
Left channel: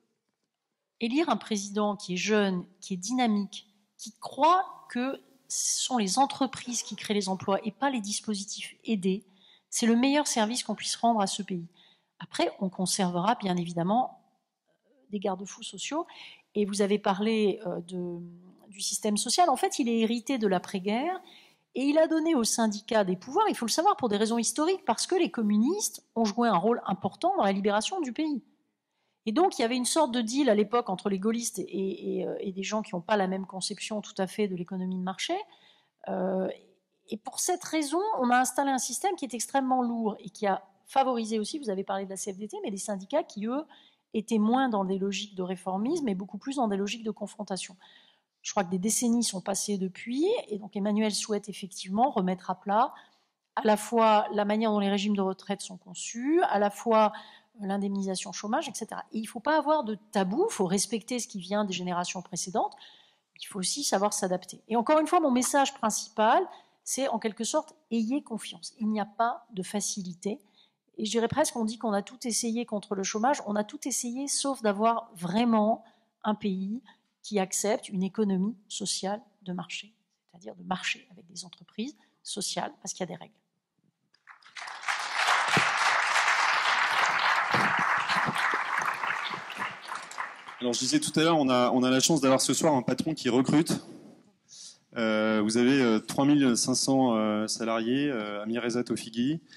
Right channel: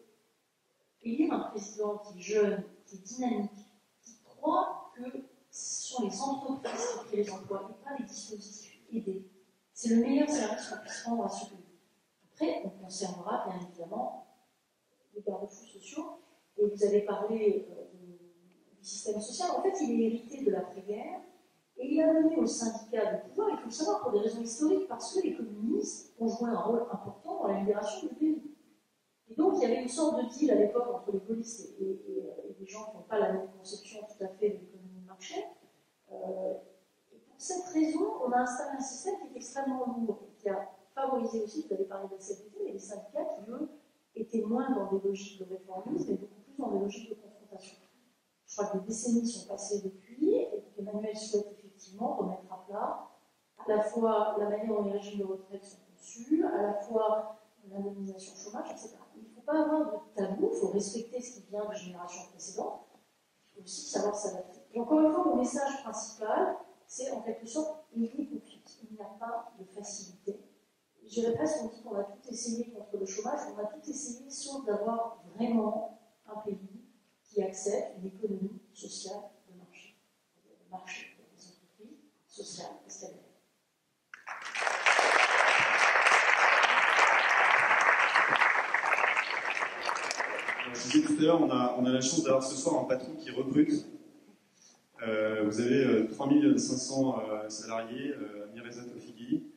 élire un président qui est jeune, qui est dynamique, qui croit que ce sont les entreprises qui créent les emplois et pas les dispositifs aidés, c'est le meilleur service qu'on puisse rendre à ce pays. Après, on conservera bien évidemment des garde-fous sociaux. Et vous avez parlé du système social. En fait, il est hérité de l'après-guerre et il a donné aux syndicats des pouvoirs, il faut le savoir, pour des raisons historiques, parce que les communistes ont joué un rôle important dans la libération du pays. Et donc, il y avait une sorte de deal à l'époque entre les gaullistes et des gens qui n'ont pas la même conception tout à fait de l'économie de marché. Et pour cette raison, on a installé un système qui est extrêmement lourd et qui a favorisé aussi, vous avez parlé de la CFDT, mais des syndicats qui, eux, étaient moins dans des logiques de réformisme et beaucoup plus dans des logiques de confrontation. Je crois que des décennies sont passées depuis, et donc Emmanuel souhaite effectivement remettre à plat à la fois la manière dont les régimes de retraite sont conçus, à la fois l'indemnisation chômage, etc. Et il ne faut pas avoir de tabou, il faut respecter ce qui vient des générations précédentes, il faut aussi savoir s'adapter. Et encore une fois, mon message principal, c'est en quelque sorte, ayez confiance. Il n'y a pas de facilité. Et je dirais presque, on dit qu'on a tout essayé contre le chômage, on a tout essayé sauf d'avoir vraiment un pays qui accepte une économie sociale de marché, c'est-à-dire de marché avec des entreprises sociales, parce qu'il y a des règles. Alors, je disais tout à l'heure, on a la chance d'avoir ce soir un patron qui recrute. Vous avez 3500 salariés, Amireza Tofigui.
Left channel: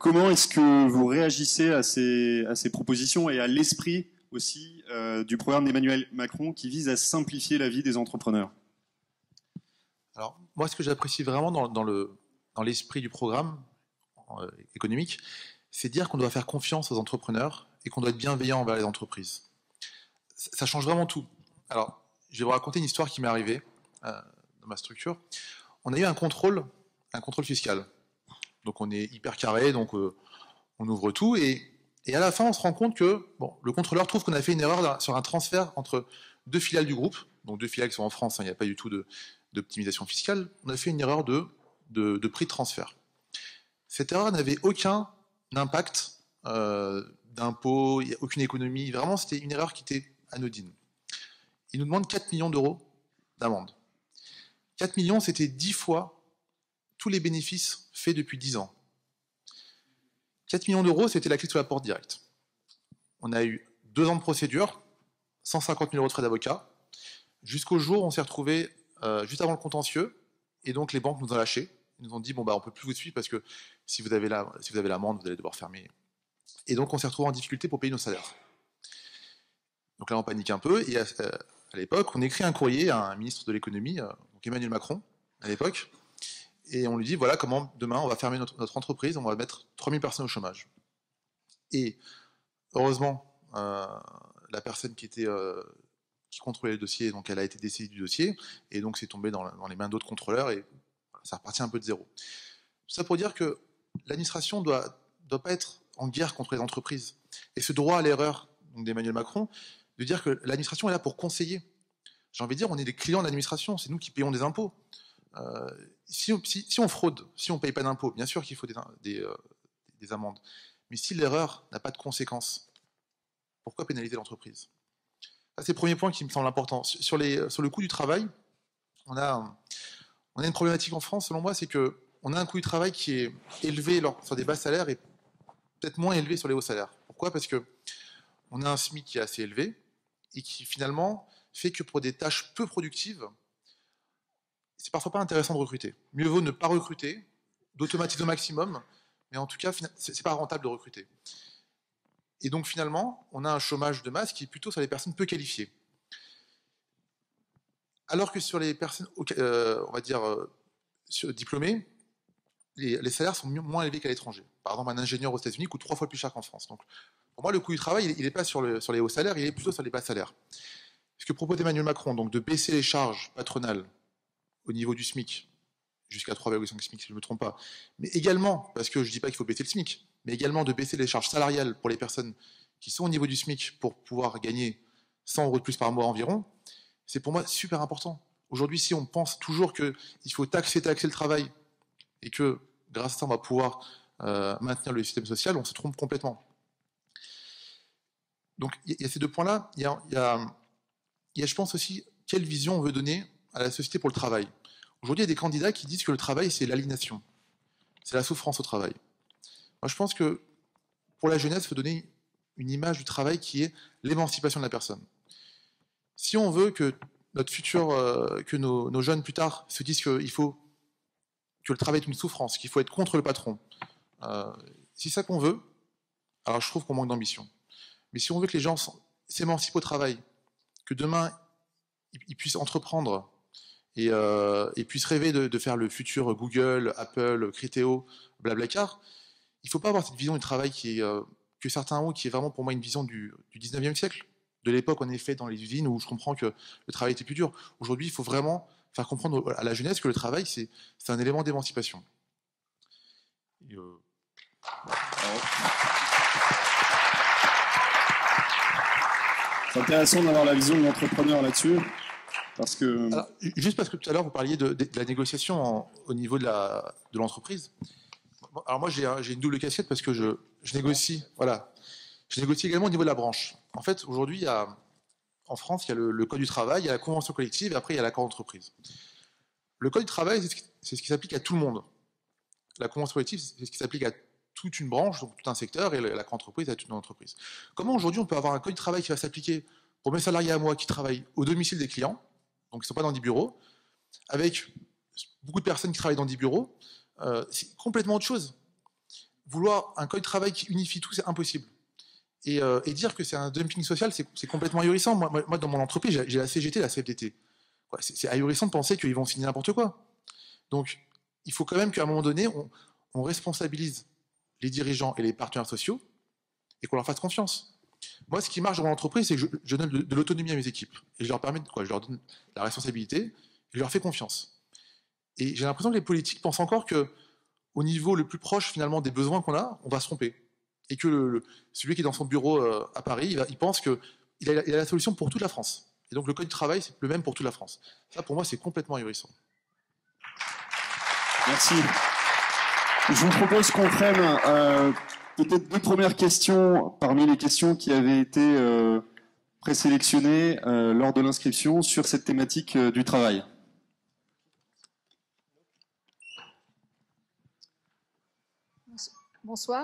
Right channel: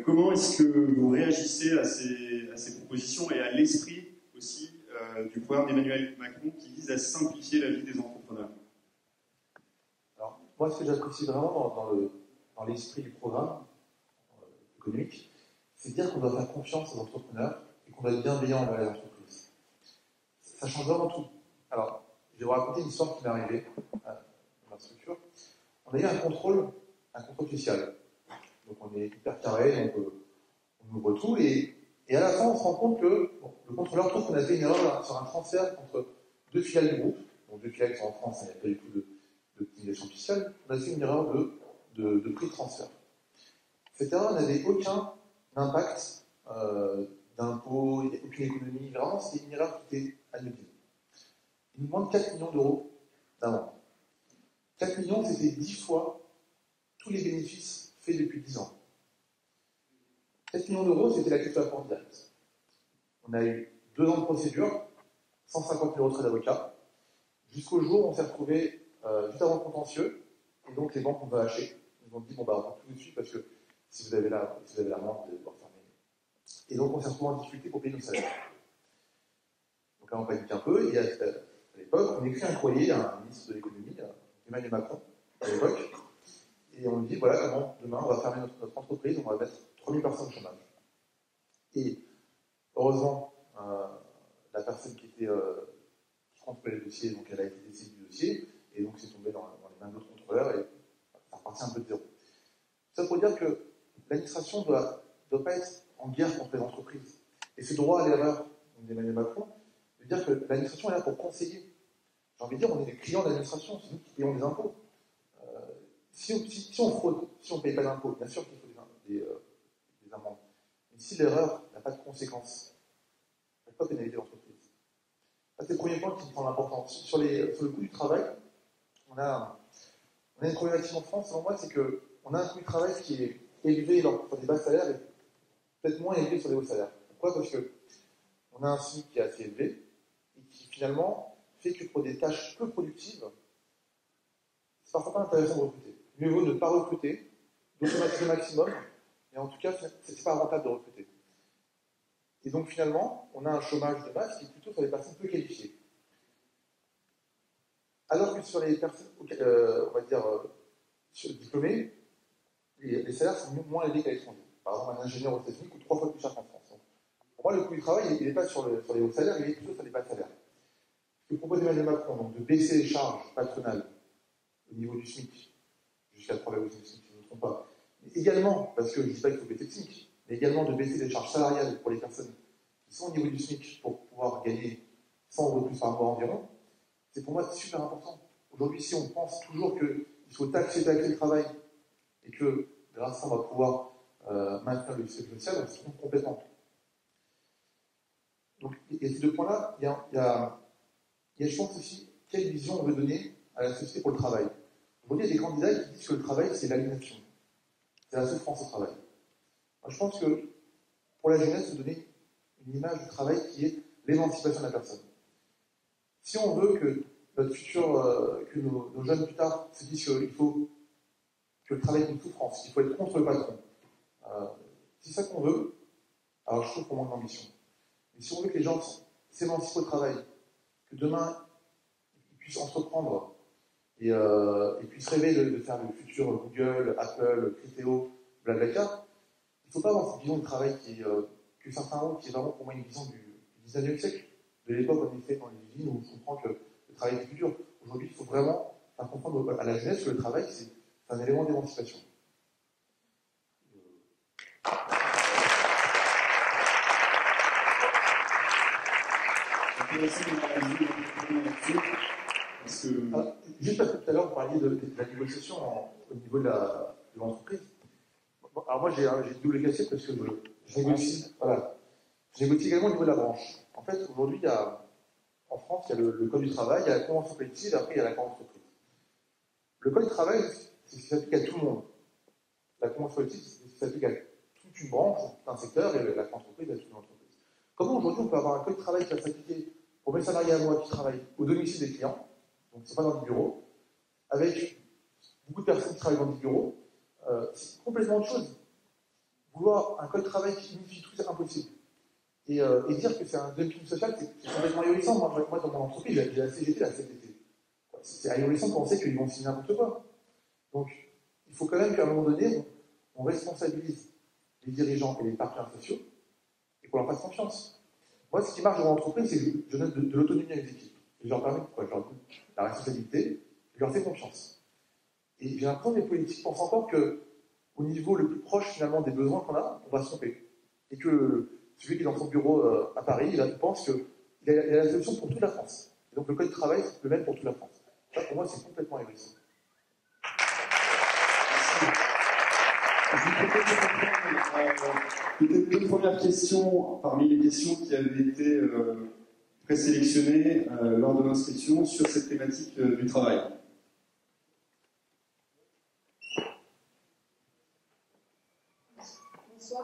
Comment est-ce que vous réagissez à ces propositions et à l'esprit aussi du programme d'Emmanuel Macron qui vise à simplifier la vie des entrepreneurs? Alors, moi, ce que j'apprécie vraiment dans l'esprit du programme économique, c'est dire qu'on doit faire confiance aux entrepreneurs et qu'on doit être bienveillant envers les entreprises. Ça change vraiment tout. Alors, je vais vous raconter une histoire qui m'est arrivée dans ma structure. On a eu un contrôle fiscal. Donc, on est hyper carré, donc on ouvre tout. Et à la fin, on se rend compte que le contrôleur trouve qu'on a fait une erreur sur un transfert entre deux filiales du groupe. Donc, deux filiales qui sont en France, hein, il n'y a pas du tout d'optimisation fiscale. On a fait une erreur de prix de transfert. Cette erreur n'avait aucun impact d'impôt, aucune économie. Vraiment, c'était une erreur qui était anodine. Il nous demande 4 millions d'euros d'amende. 4 millions, c'était 10 fois tous les bénéfices faits depuis 10 ans. 4 millions d'euros, c'était la clé sous la porte directe. On a eu 2 ans de procédure, 150 000 euros de frais d'avocat, jusqu'au jour où on s'est retrouvé juste avant le contentieux, et donc les banques nous ont lâchés. Ils nous ont dit, on ne peut plus vous suivre parce que si vous avez l'amende, vous allez devoir fermer. Et donc on s'est retrouvé en difficulté pour payer nos salaires. Donc là on panique un peu, et à l'époque, on écrit un courrier à un ministre de l'économie, donc Emmanuel Macron, à l'époque, et on lui dit, voilà comment demain on va fermer notre entreprise, on va mettre 3000 personnes au chômage. Et heureusement, la personne qui contrôlait le dossier, donc elle a été dessaisie du dossier, et donc c'est tombé dans les mains d'autres contrôleurs, et ça repartit un peu de zéro. Tout ça pour dire que l'administration doit pas être en guerre contre les entreprises. Et ce droit à l'erreur d'Emmanuel Macron, de dire que l'administration est là pour conseiller. J'ai envie de dire, on est les clients de l'administration, c'est nous qui payons des impôts. Si on fraude, si on ne paye pas d'impôts, bien sûr qu'il faut des amendes. Mais si l'erreur n'a pas de conséquences, pourquoi pénaliser l'entreprise? C'est le premier point qui me semble important. Sur le coût du travail, on a une problématique en France, selon moi, c'est qu'on a un coût du travail qui est élevé sur des bas salaires et peut-être moins élevé sur les hauts salaires. Pourquoi? Parce qu'on a un SMIC qui est assez élevé et qui finalement fait que pour des tâches peu productives, c'est parfois pas intéressant de recruter. Mieux vaut ne pas recruter, d'automatiser au maximum, mais en tout cas, c'est pas rentable de recruter. Et donc finalement, on a un chômage de masse qui est plutôt sur les personnes peu qualifiées. Alors que sur les personnes, on va dire, diplômées, les salaires sont moins élevés qu'à l'étranger. Par exemple, un ingénieur aux États-Unis coûte 3 fois plus cher qu'en France. Donc, pour moi, le coût du travail, il n'est pas sur les hauts salaires, il est plutôt sur les bas salaires. Ce que propose Emmanuel Macron, donc de baisser les charges patronales au niveau du SMIC, jusqu'à 3,5 SMIC, si je ne me trompe pas, mais également, parce que je ne dis pas qu'il faut baisser le SMIC, mais également de baisser les charges salariales pour les personnes qui sont au niveau du SMIC pour pouvoir gagner 100 euros de plus par mois environ, c'est pour moi super important. Aujourd'hui, si on pense toujours qu'il faut taxer le travail et que grâce à ça, on va pouvoir maintenir le système social, on se trompe complètement. Donc, il y a ces deux points-là. Il y a, je pense aussi, quelle vision on veut donner à la société pour le travail. Aujourd'hui, il y a des candidats qui disent que le travail, c'est l'aliénation. C'est la souffrance au travail. Moi, je pense que pour la jeunesse, il faut donner une image du travail qui est l'émancipation de la personne. Si on veut que notre futur, que nos jeunes plus tard se disent qu'il faut que le travail est une souffrance, qu'il faut être contre le patron, si c'est ça qu'on veut, alors je trouve qu'on manque d'ambition. Mais si on veut que les gens s'émancipent au travail, que demain ils puissent entreprendre et puissent rêver de faire le futur Google, Apple, Criteo, Blablacar, il ne faut pas avoir cette vision du travail que certains ont, qui est vraiment pour moi une vision du 19e siècle, de l'époque en effet dans les usines où je comprends que le travail était plus dur. Aujourd'hui, il faut vraiment faire comprendre à la jeunesse que le travail, c'est un élément d'émancipation. C'est intéressant d'avoir la vision de l'entrepreneur là-dessus. Parce que... Alors, juste parce que tout à l'heure, vous parliez de la négociation au niveau de l'entreprise. Alors moi, j'ai une double casquette parce que je négocie, voilà. Je négocie également au niveau de la branche. En fait, aujourd'hui, en France, il y a le Code du travail, il y a la convention collective, et après, il y a l'accord d'entreprise. Le Code du travail, c'est ce qui s'applique à tout le monde. La convention collective, c'est ce qui s'applique à toute une branche, donc tout un secteur, et l'accord d'entreprise à toute une entreprise. Comment aujourd'hui, on peut avoir un Code du travail qui va s'appliquer pour mes salariés à moi qui travaillent au domicile des clients, donc ils ne sont pas dans des bureaux, avec beaucoup de personnes qui travaillent dans des bureaux, c'est complètement autre chose. Vouloir un code de travail qui unifie tout, c'est impossible. Et dire que c'est un dumping social, c'est complètement ahurissant. Moi, dans mon entreprise, j'ai la CGT, la CFDT. C'est ahurissant de penser qu'ils vont signer n'importe quoi. Donc, il faut quand même qu'à un moment donné, on responsabilise les dirigeants et les partenaires sociaux et qu'on leur fasse confiance. Moi, ce qui marche dans mon entreprise, c'est que je donne de l'autonomie à mes équipes. Et je leur permets je leur donne la responsabilité et je leur fais confiance. Et j'ai l'impression que les politiques pensent encore qu'au niveau le plus proche, finalement, des besoins qu'on a, on va se tromper. Et que celui qui est dans son bureau à Paris, il pense qu'il a la solution pour toute la France. Et donc le code du travail, c'est le même pour toute la France. Ça, pour moi, c'est complètement ahurissant. Merci. Je vous propose qu'on prenne peut-être deux premières questions parmi les questions qui avaient été présélectionnées lors de l'inscription sur cette thématique du travail. Bonsoir.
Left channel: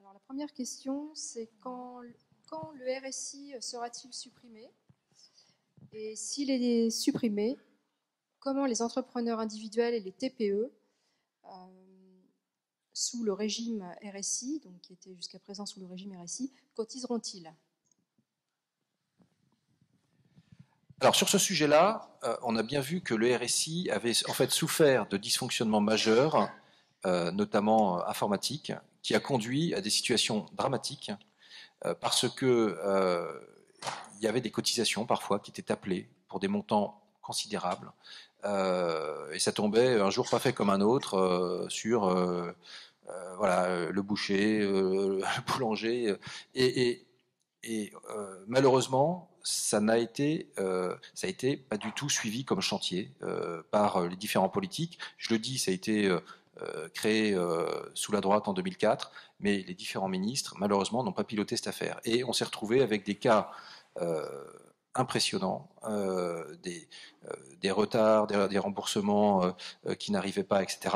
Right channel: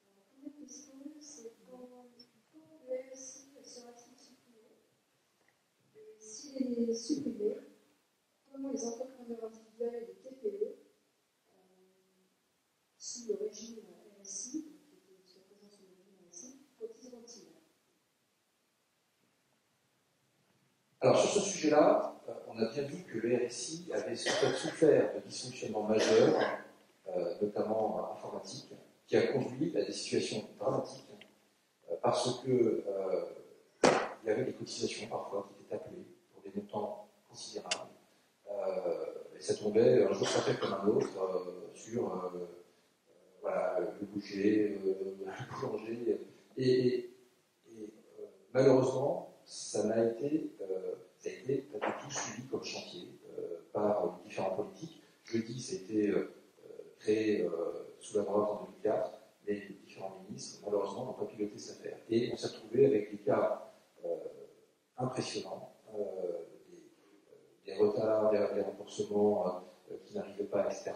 Alors, la première question, c'est quand le RSI sera-t-il supprimé? Et s'il est supprimé, comment les entrepreneurs individuels et les TPE, sous le régime RSI, donc qui était jusqu'à présent sous le régime RSI, cotiseront-ils? Alors sur ce sujet-là, on a bien vu que le RSI avait en fait souffert de dysfonctionnements majeurs, notamment informatiques, qui a conduit à des situations dramatiques parce que il y avait des cotisations parfois qui étaient appelées pour des montants considérables et ça tombait un jour pas fait comme un autre sur voilà, le boucher, le boulanger et malheureusement ça a été pas du tout suivi comme chantier par les différents politiques. Je le dis, ça a été créé sous la droite en 2004, mais les différents ministres, malheureusement, n'ont pas piloté cette affaire. Et on s'est retrouvé avec des cas impressionnants, des retards, des remboursements qui n'arrivaient pas, etc.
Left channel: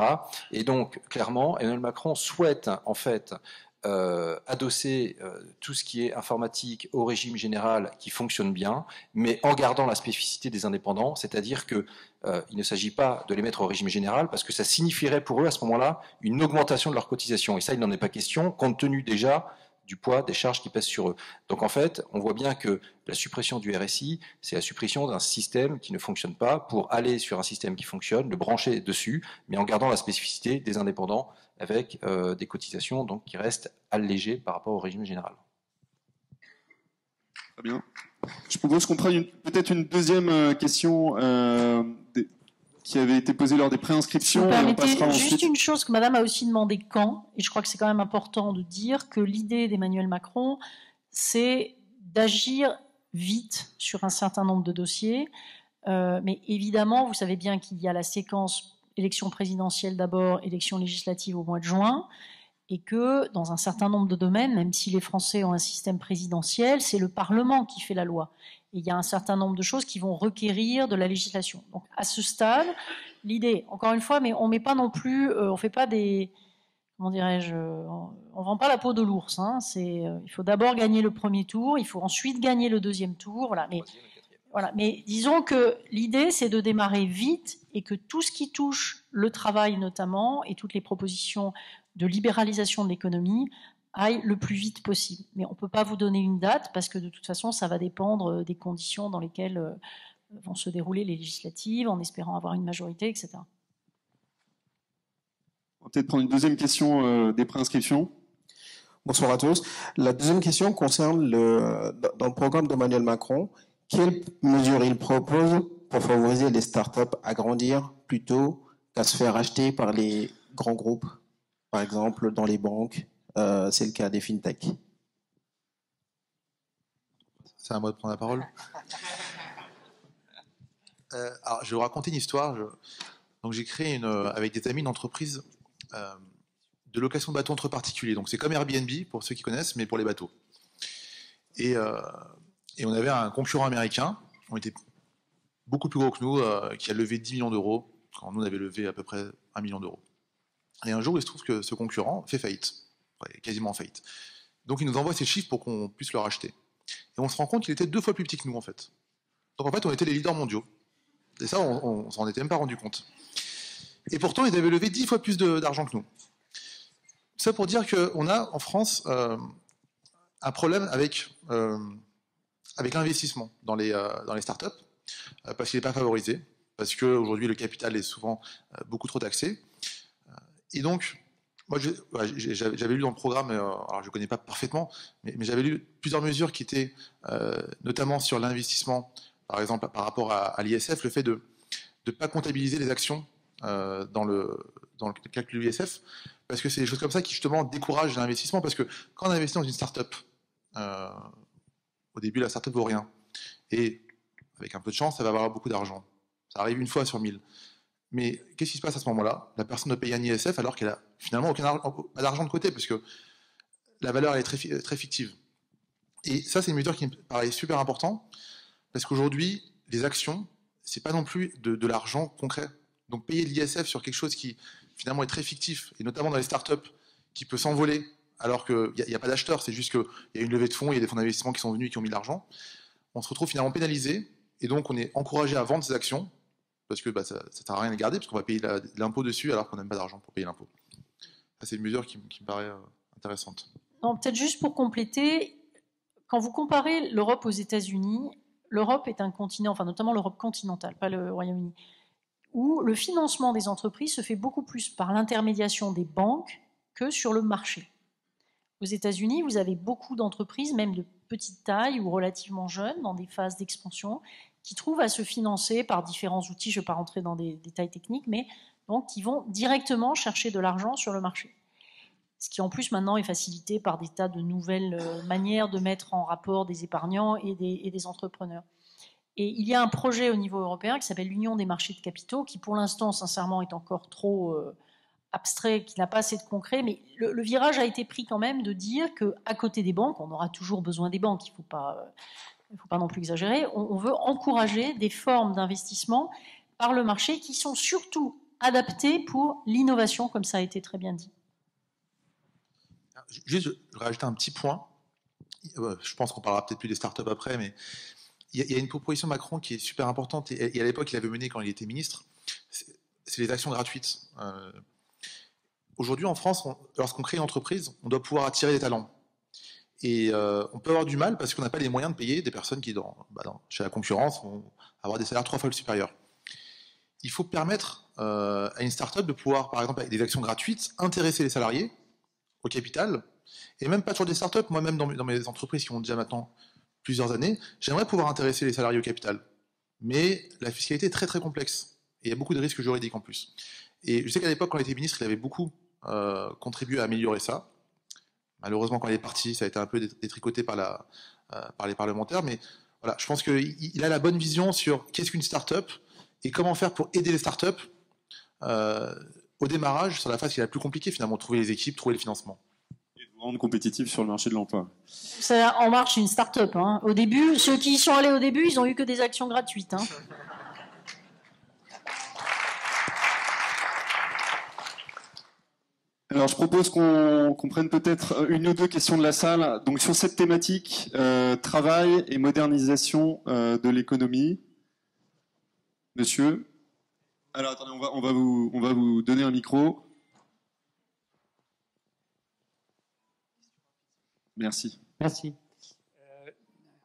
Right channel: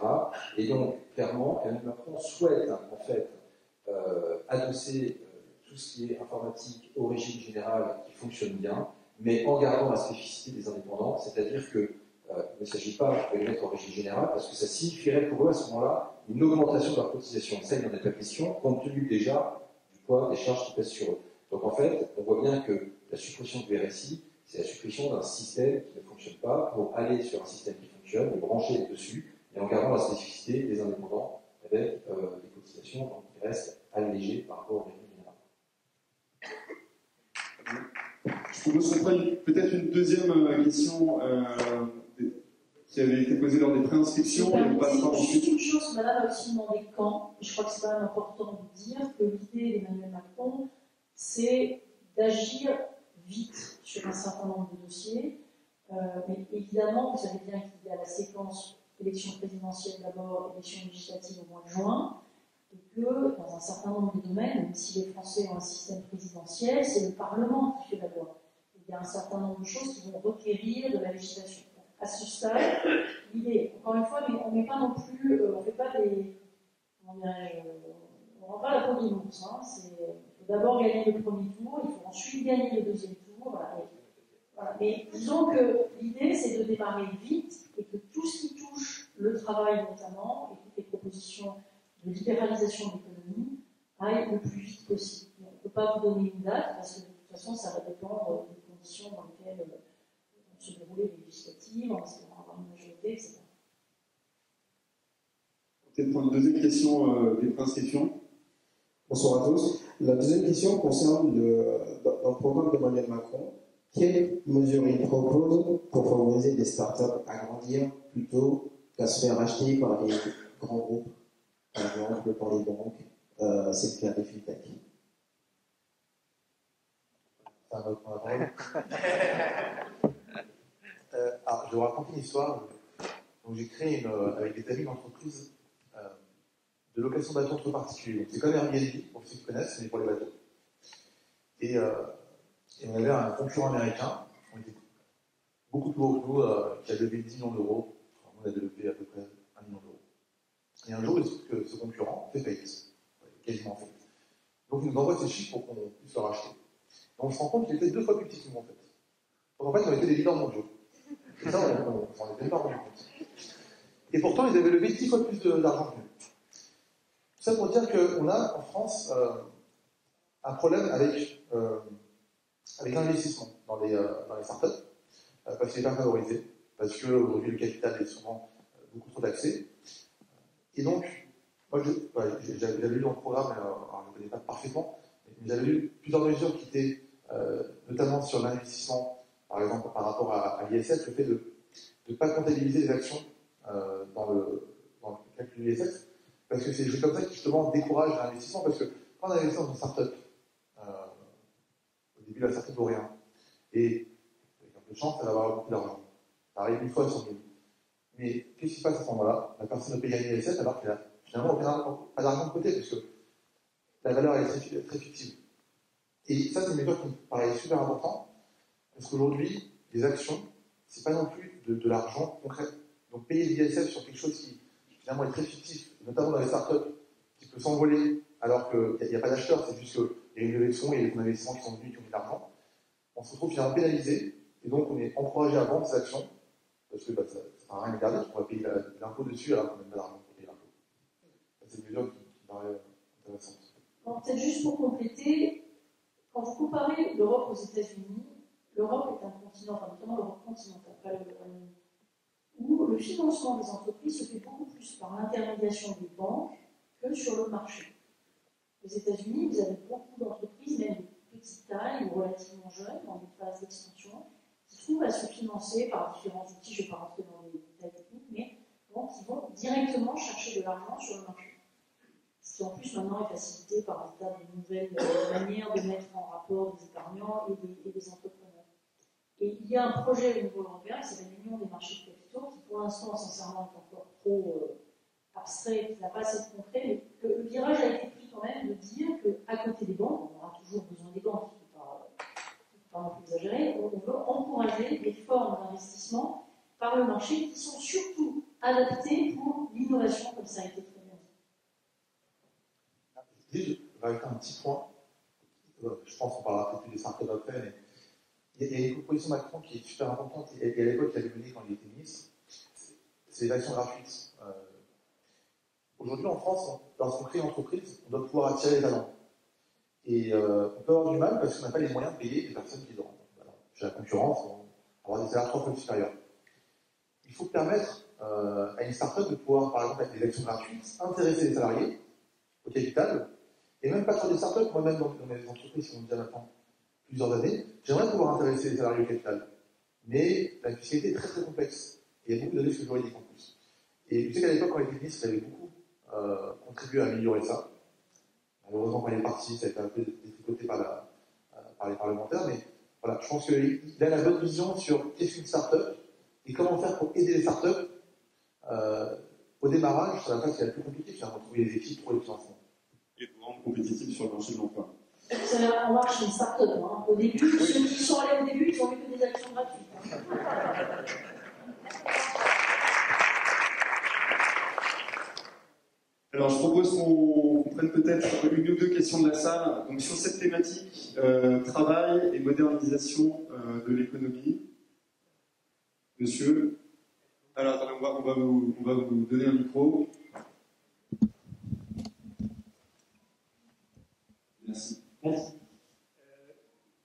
Et donc, clairement, Emmanuel Macron souhaite, en fait, adosser tout ce qui est informatique au régime général qui fonctionne bien, mais en gardant la spécificité des indépendants, c'est-à-dire que il ne s'agit pas de les mettre au régime général parce que ça signifierait pour eux à ce moment-là une augmentation de leur cotisation. Et ça, il n'en est pas question, compte tenu déjà du poids des charges qui pèsent sur eux. Donc en fait, on voit bien que la suppression du RSI, c'est la suppression d'un système qui ne fonctionne pas pour aller sur un système qui fonctionne, le brancher dessus, mais en gardant la spécificité des indépendants avec des cotisations donc, qui restent allégées par rapport au régime général. Très bien. Je propose qu'on prenne peut-être une deuxième question qui avait été posée lors des préinscriptions. Vous permettez juste une chose que Madame a aussi demandé quand, et je crois que c'est quand même important de dire que l'idée d'Emmanuel Macron, c'est d'agir vite sur un certain nombre de dossiers, mais évidemment, vous savez bien qu'il y a la séquence élection présidentielle d'abord, élection législative au mois de juin, et que dans un certain nombre de domaines, même si les Français ont un système présidentiel, c'est le Parlement qui fait la loi. Et il y a un certain nombre de choses qui vont requérir de la législation. Donc à ce stade, l'idée, encore une fois, mais on met pas non plus, on fait pas des, comment dirais-je, on vend pas la peau de l'ours. Hein, il faut d'abord gagner le premier tour, il faut ensuite gagner le deuxième tour. Voilà. Mais disons que l'idée, c'est de démarrer vite et que tout ce qui touche le travail notamment et toutes les propositions de libéralisation de l'économie aille le plus vite possible. Mais on ne peut pas vous donner une date parce que de toute façon, ça va dépendre des conditions dans lesquelles vont se dérouler les législatives, en espérant avoir une majorité, etc. On va peut-être prendre une deuxième question des préinscriptions. Bonsoir à tous. La deuxième question concerne dans le programme d'Emmanuel Macron, quelles mesures il propose pour favoriser les startups à grandir plutôt qu'à se faire acheter par les grands groupes? par exemple dans les banques, c'est le cas des fintechs. C'est à moi de prendre la parole. Alors, je vais vous raconter une histoire. Donc, j'ai créé avec des amis une entreprise de location de bateaux entre particuliers. Donc, c'est comme Airbnb, pour ceux qui connaissent, mais pour les bateaux. Et on avait un concurrent américain, qui était beaucoup plus gros que nous, qui a levé 10 millions d'euros, quand nous, on avait levé à peu près 1 million d'euros. Et un jour, il se trouve que ce concurrent fait faillite, quasiment faillite. Donc, il nous envoie ses chiffres pour qu'on puisse le racheter. Et on se rend compte qu'il était 2 fois plus petit que nous, en fait. Donc, en fait, on était les leaders mondiaux. Et ça, on s'en était même pas rendu compte. Et pourtant, ils avaient levé 10 fois plus d'argent que nous. Ça pour dire qu'on a, en France, un problème avec l'investissement dans les startups, parce qu'il n'est pas favorisé, parce qu'aujourd'hui, le capital est souvent beaucoup trop taxé. Et donc, moi, j'avais lu dans le programme, alors je ne connais pas parfaitement, mais j'avais lu plusieurs mesures qui étaient notamment sur l'investissement, par exemple par rapport à l'ISF, le fait de ne pas comptabiliser les actions dans le calcul de l'ISF, parce que c'est des choses comme ça qui justement découragent l'investissement, parce que quand on investit dans une start-up, au début la start-up vaut rien, et avec un peu de chance, ça va valoir beaucoup d'argent. Ça arrive une fois sur 1000. Mais qu'est-ce qui se passe à ce moment-là? La personne doit payer un ISF alors qu'elle a finalement pas d'argent de côté, parce que la valeur elle est très fictive. Et ça, c'est une mesure qui me paraît super important, parce qu'aujourd'hui, les actions, c'est pas non plus de l'argent concret. Donc payer de l'ISF sur quelque chose qui finalement est très fictif, et notamment dans les startups, qui peut s'envoler alors qu'il n'y a pas d'acheteur, c'est juste qu'il y a une levée de fonds, il y a des fonds d'investissement qui sont venus et qui ont mis de l'argent, on se retrouve finalement pénalisé, et donc on est encouragé à vendre ces actions, parce que ça ne sert à rien de les garder, parce qu'on va payer l'impôt dessus alors qu'on n'a pas d'argent pour payer l'impôt. C'est une mesure qui me paraît intéressante. Peut-être juste pour compléter, quand vous comparez l'Europe aux États-Unis, l'Europe est un continent, enfin notamment l'Europe continentale, pas le Royaume-Uni, où le financement des entreprises se fait beaucoup plus par l'intermédiation des banques que sur le marché. Aux États-Unis, vous avez beaucoup d'entreprises, même de petite taille ou relativement jeunes, dans des phases d'expansion, qui trouvent à se financer par différents outils, je ne vais pas rentrer dans des détails techniques, mais donc qui vont directement chercher de l'argent sur le marché. Ce qui en plus maintenant est facilité par des tas de nouvelles manières de mettre en rapport des épargnants et des entrepreneurs. Et il y a un projet au niveau européen qui s'appelle l'Union des marchés de capitaux, qui pour l'instant, sincèrement, est encore trop abstrait, qui n'a pas assez de concret, mais le virage a été pris quand même de dire qu'à côté des banques, on aura toujours besoin des banques, il ne faut pas non plus exagérer, on veut encourager des formes d'investissement par le marché qui sont surtout adaptées pour l'innovation, comme ça a été très bien dit. Juste, je vais rajouter un petit point. Je pense qu'on parlera peut-être plus des startups après, mais il y a une proposition de Macron qui est super importante, et à l'époque, il avait mené quand il était ministre, c'est les actions gratuites. Aujourd'hui, en France, lorsqu'on crée une entreprise, on doit pouvoir attirer des talents. Et on peut avoir du mal parce qu'on n'a pas les moyens de payer des personnes qui, chez la concurrence, vont avoir des salaires 3 fois supérieurs. Il faut permettre à une start-up de pouvoir, par exemple, avec des actions gratuites, intéresser les salariés au capital, et même pas sur des startups, moi-même dans mes entreprises qui ont déjà maintenant plusieurs années, j'aimerais pouvoir intéresser les salariés au capital. Mais la fiscalité est très très complexe, et il y a beaucoup de risques juridiques en plus. Et je sais qu'à l'époque, quand il était ministre, il avait beaucoup contribué à améliorer ça. Malheureusement, quand il est parti, ça a été un peu détricoté par les parlementaires, mais voilà, je pense qu'il a la bonne vision sur qu'est-ce qu'une start-up, et comment faire pour aider les startups au démarrage, sur la phase qui est la plus compliquée finalement, trouver les équipes, trouver le financement. Et pour rendre compétitif sur le marché de l'emploi. Ça en marche une start-up. Hein. Au début, ceux qui y sont allés au début, ils n'ont eu que des actions gratuites. Hein. Alors je propose qu'on prenne peut-être une ou deux questions de la salle. Donc sur cette thématique, travail et modernisation de l'économie. Monsieur. Alors attendez, on va vous donner un micro. Merci. Merci.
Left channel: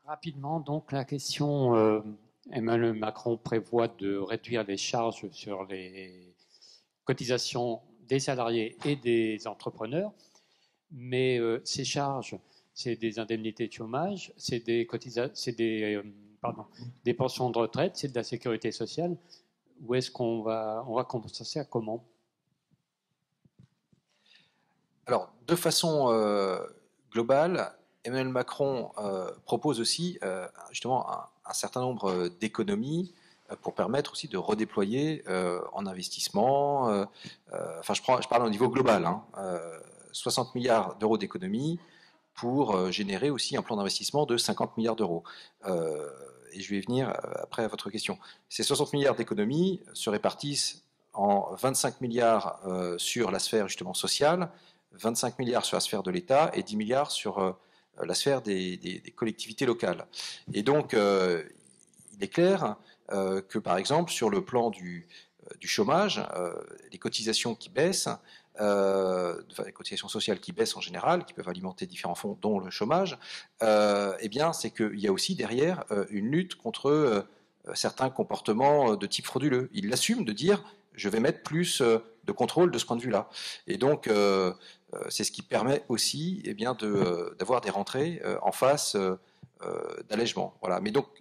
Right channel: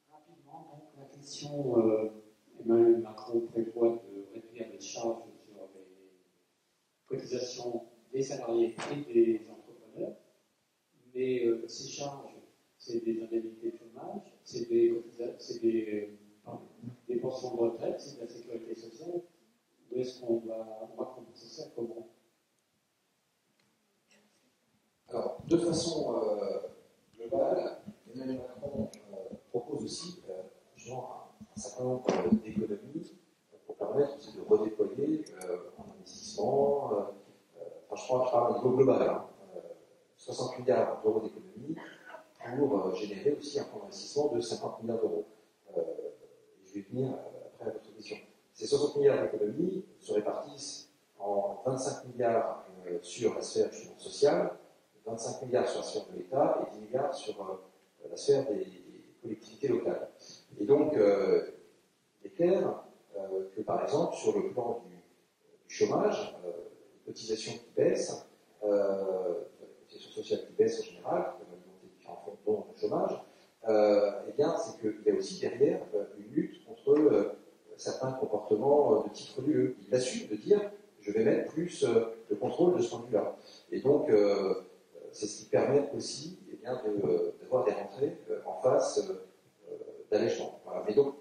Rapidement, donc la question, Emmanuel Macron prévoit de réduire les charges sur les cotisations des salariés et des entrepreneurs, mais ces charges, c'est des indemnités de chômage, c'est des pensions de retraite, c'est de la sécurité sociale. Où est-ce qu'on va compenser ça comment? Alors, de façon globale, Emmanuel Macron propose aussi justement un certain nombre d'économies pour permettre aussi de redéployer en investissement. Enfin, je parle au niveau global. 60 milliards d'euros d'économies pour générer aussi un plan d'investissement de 50 milliards d'euros. Et je vais venir après à votre question. Ces 60 milliards d'économies se répartissent en 25 milliards sur la sphère justement sociale, 25 milliards sur la sphère de l'État et 10 milliards sur la sphère des collectivités locales. Et donc, il est clair que, par exemple, sur le plan du chômage, les cotisations qui baissent, enfin, les cotisations sociales qui baissent en général, qui peuvent alimenter différents fonds, dont le chômage, eh bien, c'est qu'il y a aussi derrière une lutte contre certains comportements de type frauduleux. Il l'assume de dire je vais mettre plus de contrôle de ce point de vue-là. Et donc, c'est ce qui permet aussi eh bien, d'avoir des rentrées en face d'allègement. Voilà. Mais donc,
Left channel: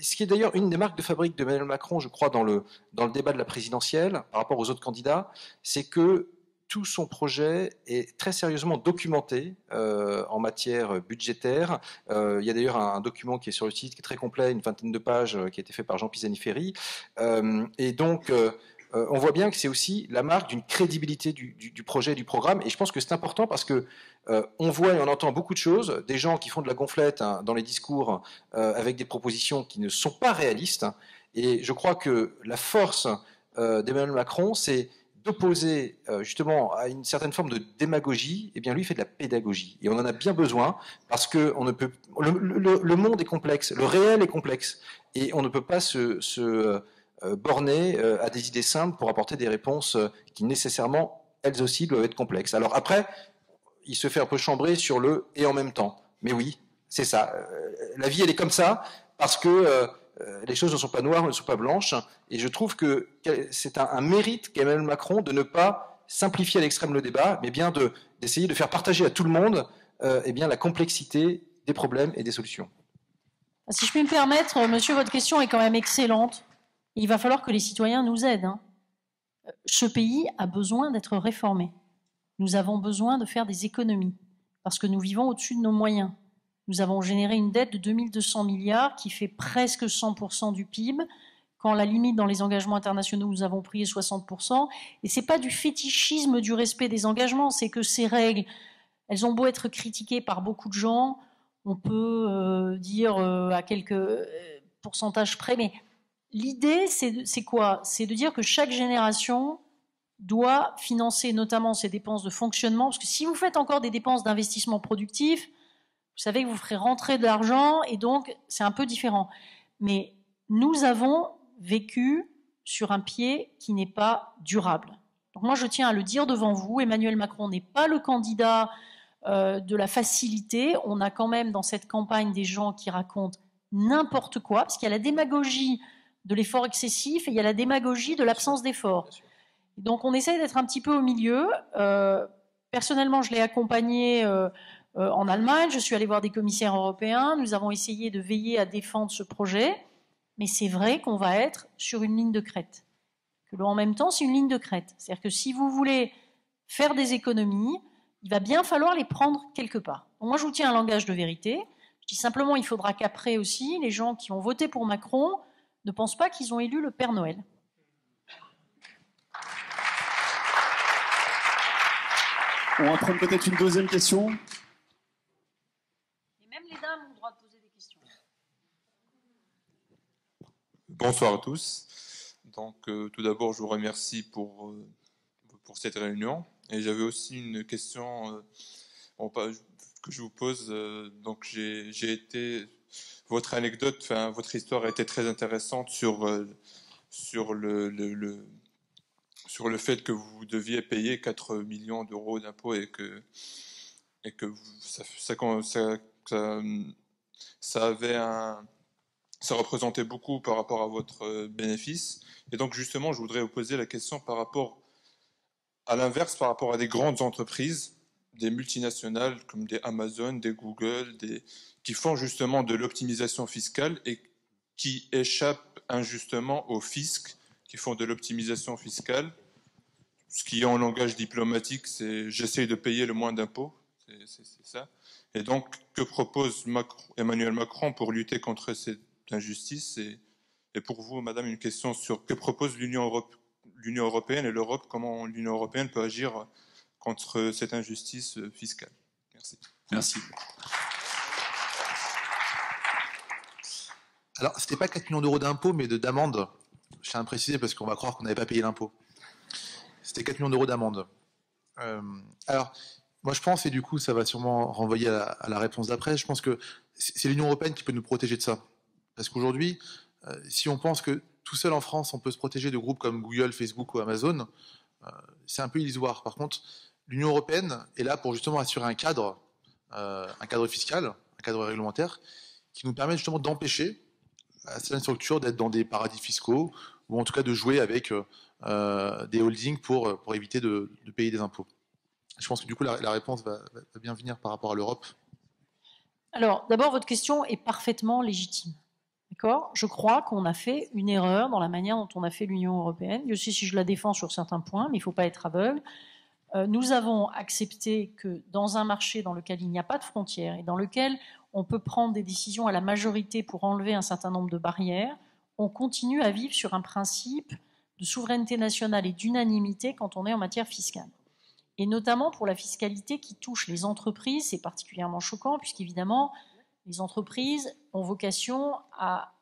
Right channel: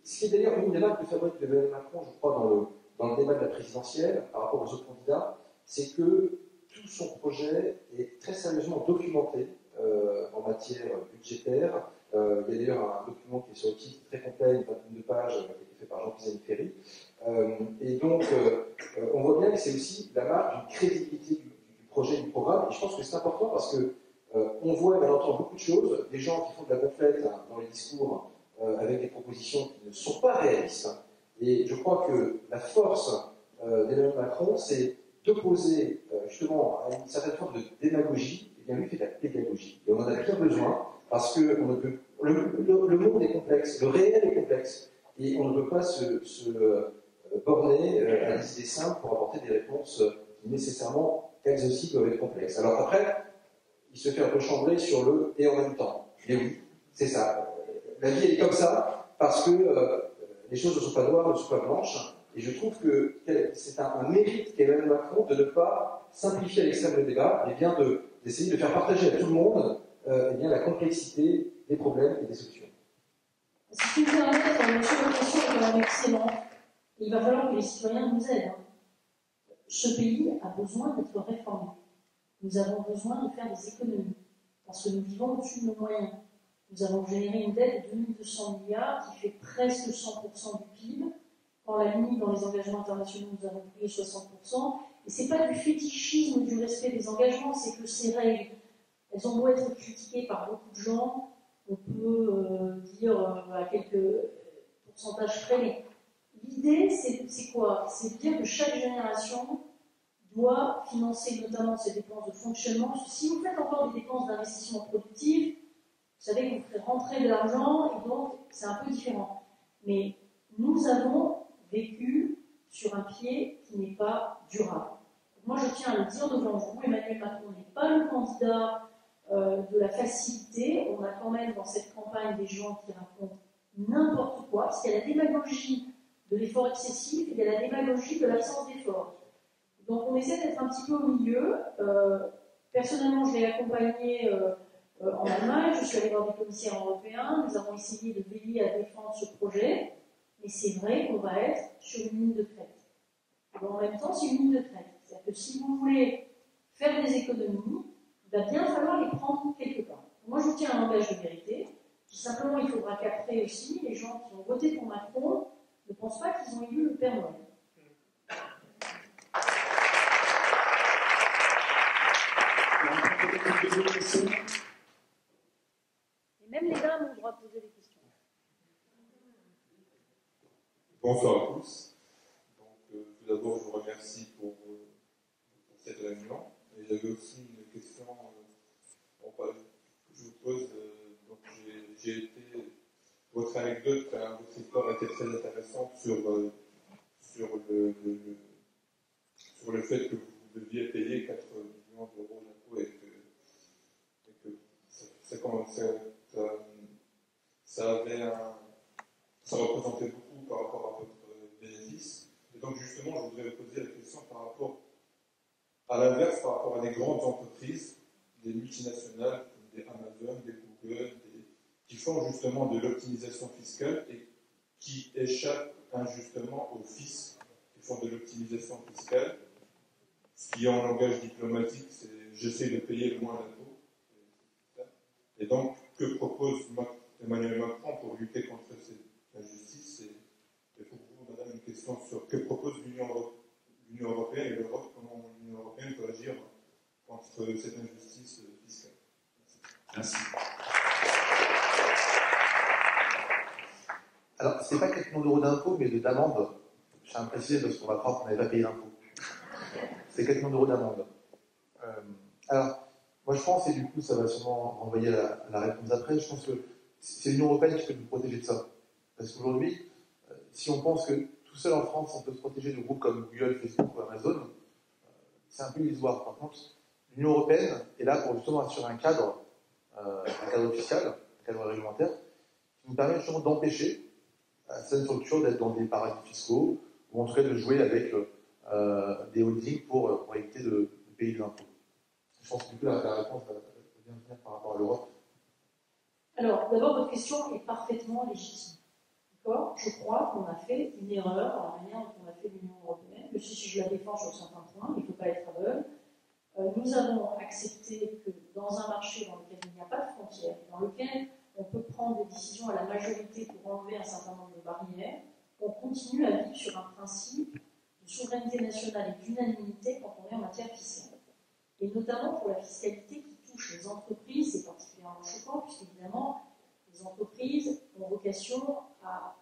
ce qui est d'ailleurs une des marques de fabrique de Emmanuel Macron, je crois, dans le débat de la présidentielle, par rapport aux autres candidats, c'est que tout son projet est très sérieusement documenté en matière budgétaire. Il y a d'ailleurs un document qui est sur le site, qui est très complet, une vingtaine de pages, qui a été fait par Jean Pisani-Ferry. Et donc, on voit bien que c'est aussi la marque d'une crédibilité du projet et du programme. Et je pense que c'est important parce que on voit et on entend beaucoup de choses, des gens qui font de la gonflette dans les discours avec des propositions qui ne sont pas réalistes. Et je crois que la force d'Emmanuel Macron, c'est d'opposer justement à une certaine forme de démagogie. Eh bien, lui fait de la pédagogie. Et on en a bien besoin parce que on ne peut, le monde est complexe, le réel est complexe. Et on ne peut pas se borner à des idées simples pour apporter des réponses qui nécessairement, elles aussi, doivent être complexes. Alors après, il se fait un peu chambrer sur le « et en même temps ». Mais oui, c'est ça. La vie, elle est comme ça, parce que les choses ne sont pas noires, ne sont pas blanches. Et je trouve que c'est un mérite qu'Emmanuel Macron de ne pas simplifier à l'extrême le débat, mais bien d'essayer de faire partager à tout le monde eh bien, la complexité des problèmes et des solutions. Si je puis me permettre, monsieur, votre question est quand même excellente. Il va falloir que les citoyens nous aident. Ce pays a besoin d'être réformé. Nous avons besoin de faire des économies, parce que nous vivons au-dessus de nos moyens. Nous avons généré une dette de 2200 milliards qui fait presque 100% du PIB, quand la limite dans les engagements internationaux, nous avons pris est 60%. Et ce n'est pas du fétichisme du respect des engagements, c'est que ces règles, elles ont beau être critiquées par beaucoup de gens, on peut dire à quelques pourcentages près, mais l'idée, c'est quoi? C'est de dire que chaque génération doit financer notamment ses dépenses de fonctionnement, parce que si vous faites encore des dépenses d'investissement productif, vous savez que vous ferez rentrer de l'argent, et donc c'est un peu différent. Mais nous avons vécu sur un pied qui n'est pas durable. Donc moi je tiens à le dire devant vous, Emmanuel Macron n'est pas le candidat de la facilité. On a quand même dans cette campagne des gens qui racontent n'importe quoi, parce qu'il y a la démagogie de l'effort excessif et il y a la démagogie de l'absence d'effort. Donc on essaie d'être un petit peu au milieu. Personnellement, je l'ai accompagné en Allemagne, je suis allée voir des commissaires européens, nous avons essayé de veiller à défendre ce projet, mais c'est vrai qu'on va être sur une ligne de crête. Que en même temps, c'est une ligne de crête. C'est-à-dire que si vous voulez faire des économies, il va bien falloir les prendre quelque part. Donc moi, je vous tiens un langage de vérité. Je dis simplement, il faudra qu'après aussi, les gens qui ont voté pour Macron ne pensent pas qu'ils ont élu le Père Noël. On entraîne peut-être une deuxième question. Et même les dames ont le droit de poser des questions. Bonsoir à tous. Donc, tout d'abord, je vous remercie pour cette réunion. Et j'avais aussi une question que je vous pose. Donc, j'ai été... Votre anecdote, enfin, votre histoire a été très intéressante sur le fait que vous deviez payer 4 millions d'euros d'impôts et que ça représentait beaucoup par rapport à votre bénéfice. Et donc justement, je voudrais vous poser la question par rapport à l'inverse, par rapport à des grandes entreprises, des multinationales comme des Amazon, des Google, qui font justement de l'optimisation fiscale et qui échappent injustement au fisc, qui font de l'optimisation fiscale ce qui en langage diplomatique, c'est j'essaye de payer le moins d'impôts, c'est ça. Et donc, que propose Emmanuel Macron pour lutter contre cette injustice? Et pour vous, madame, une question sur que propose l'Union européenne et l'Europe, comment l'Union européenne peut agir contre cette injustice fiscale? Merci. Merci. Alors, c'était pas 4 millions d'euros d'impôts, mais d'amende. Je tiens à préciser parce qu'on va croire qu'on n'avait pas payé l'impôt. C'était 4 millions d'euros d'amende. Alors, moi je pense, et du coup ça va sûrement renvoyer à la réponse d'après, je pense que c'est l'Union européenne qui peut nous protéger de ça. Parce qu'aujourd'hui, si on pense que tout seul en France on peut se protéger de groupes comme Google, Facebook ou Amazon, c'est un peu illusoire. Par contre, l'Union européenne est là pour justement assurer un cadre fiscal, un cadre réglementaire, qui nous permet justement d'empêcher à certaines structures d'être dans des paradis fiscaux, ou en tout cas de jouer avec des holdings pour éviter de payer des impôts. Je pense que du coup la réponse va bien venir par rapport à l'Europe. Alors, d'abord, votre question est parfaitement légitime. D'accord ? Je crois qu'on a fait une erreur dans la manière dont on a fait l'Union européenne. Je sais si je la défends sur certains points, mais il ne faut pas être aveugle. Nous avons accepté que dans un marché dans lequel il n'y a pas de frontières et dans lequel on peut prendre des décisions à la majorité pour enlever un certain nombre de barrières, on continue à vivre sur un principe de souveraineté nationale et d'unanimité quand on est en matière fiscale. Et notamment pour la fiscalité qui touche les entreprises, c'est particulièrement choquant puisqu'évidemment, les entreprises ont vocation à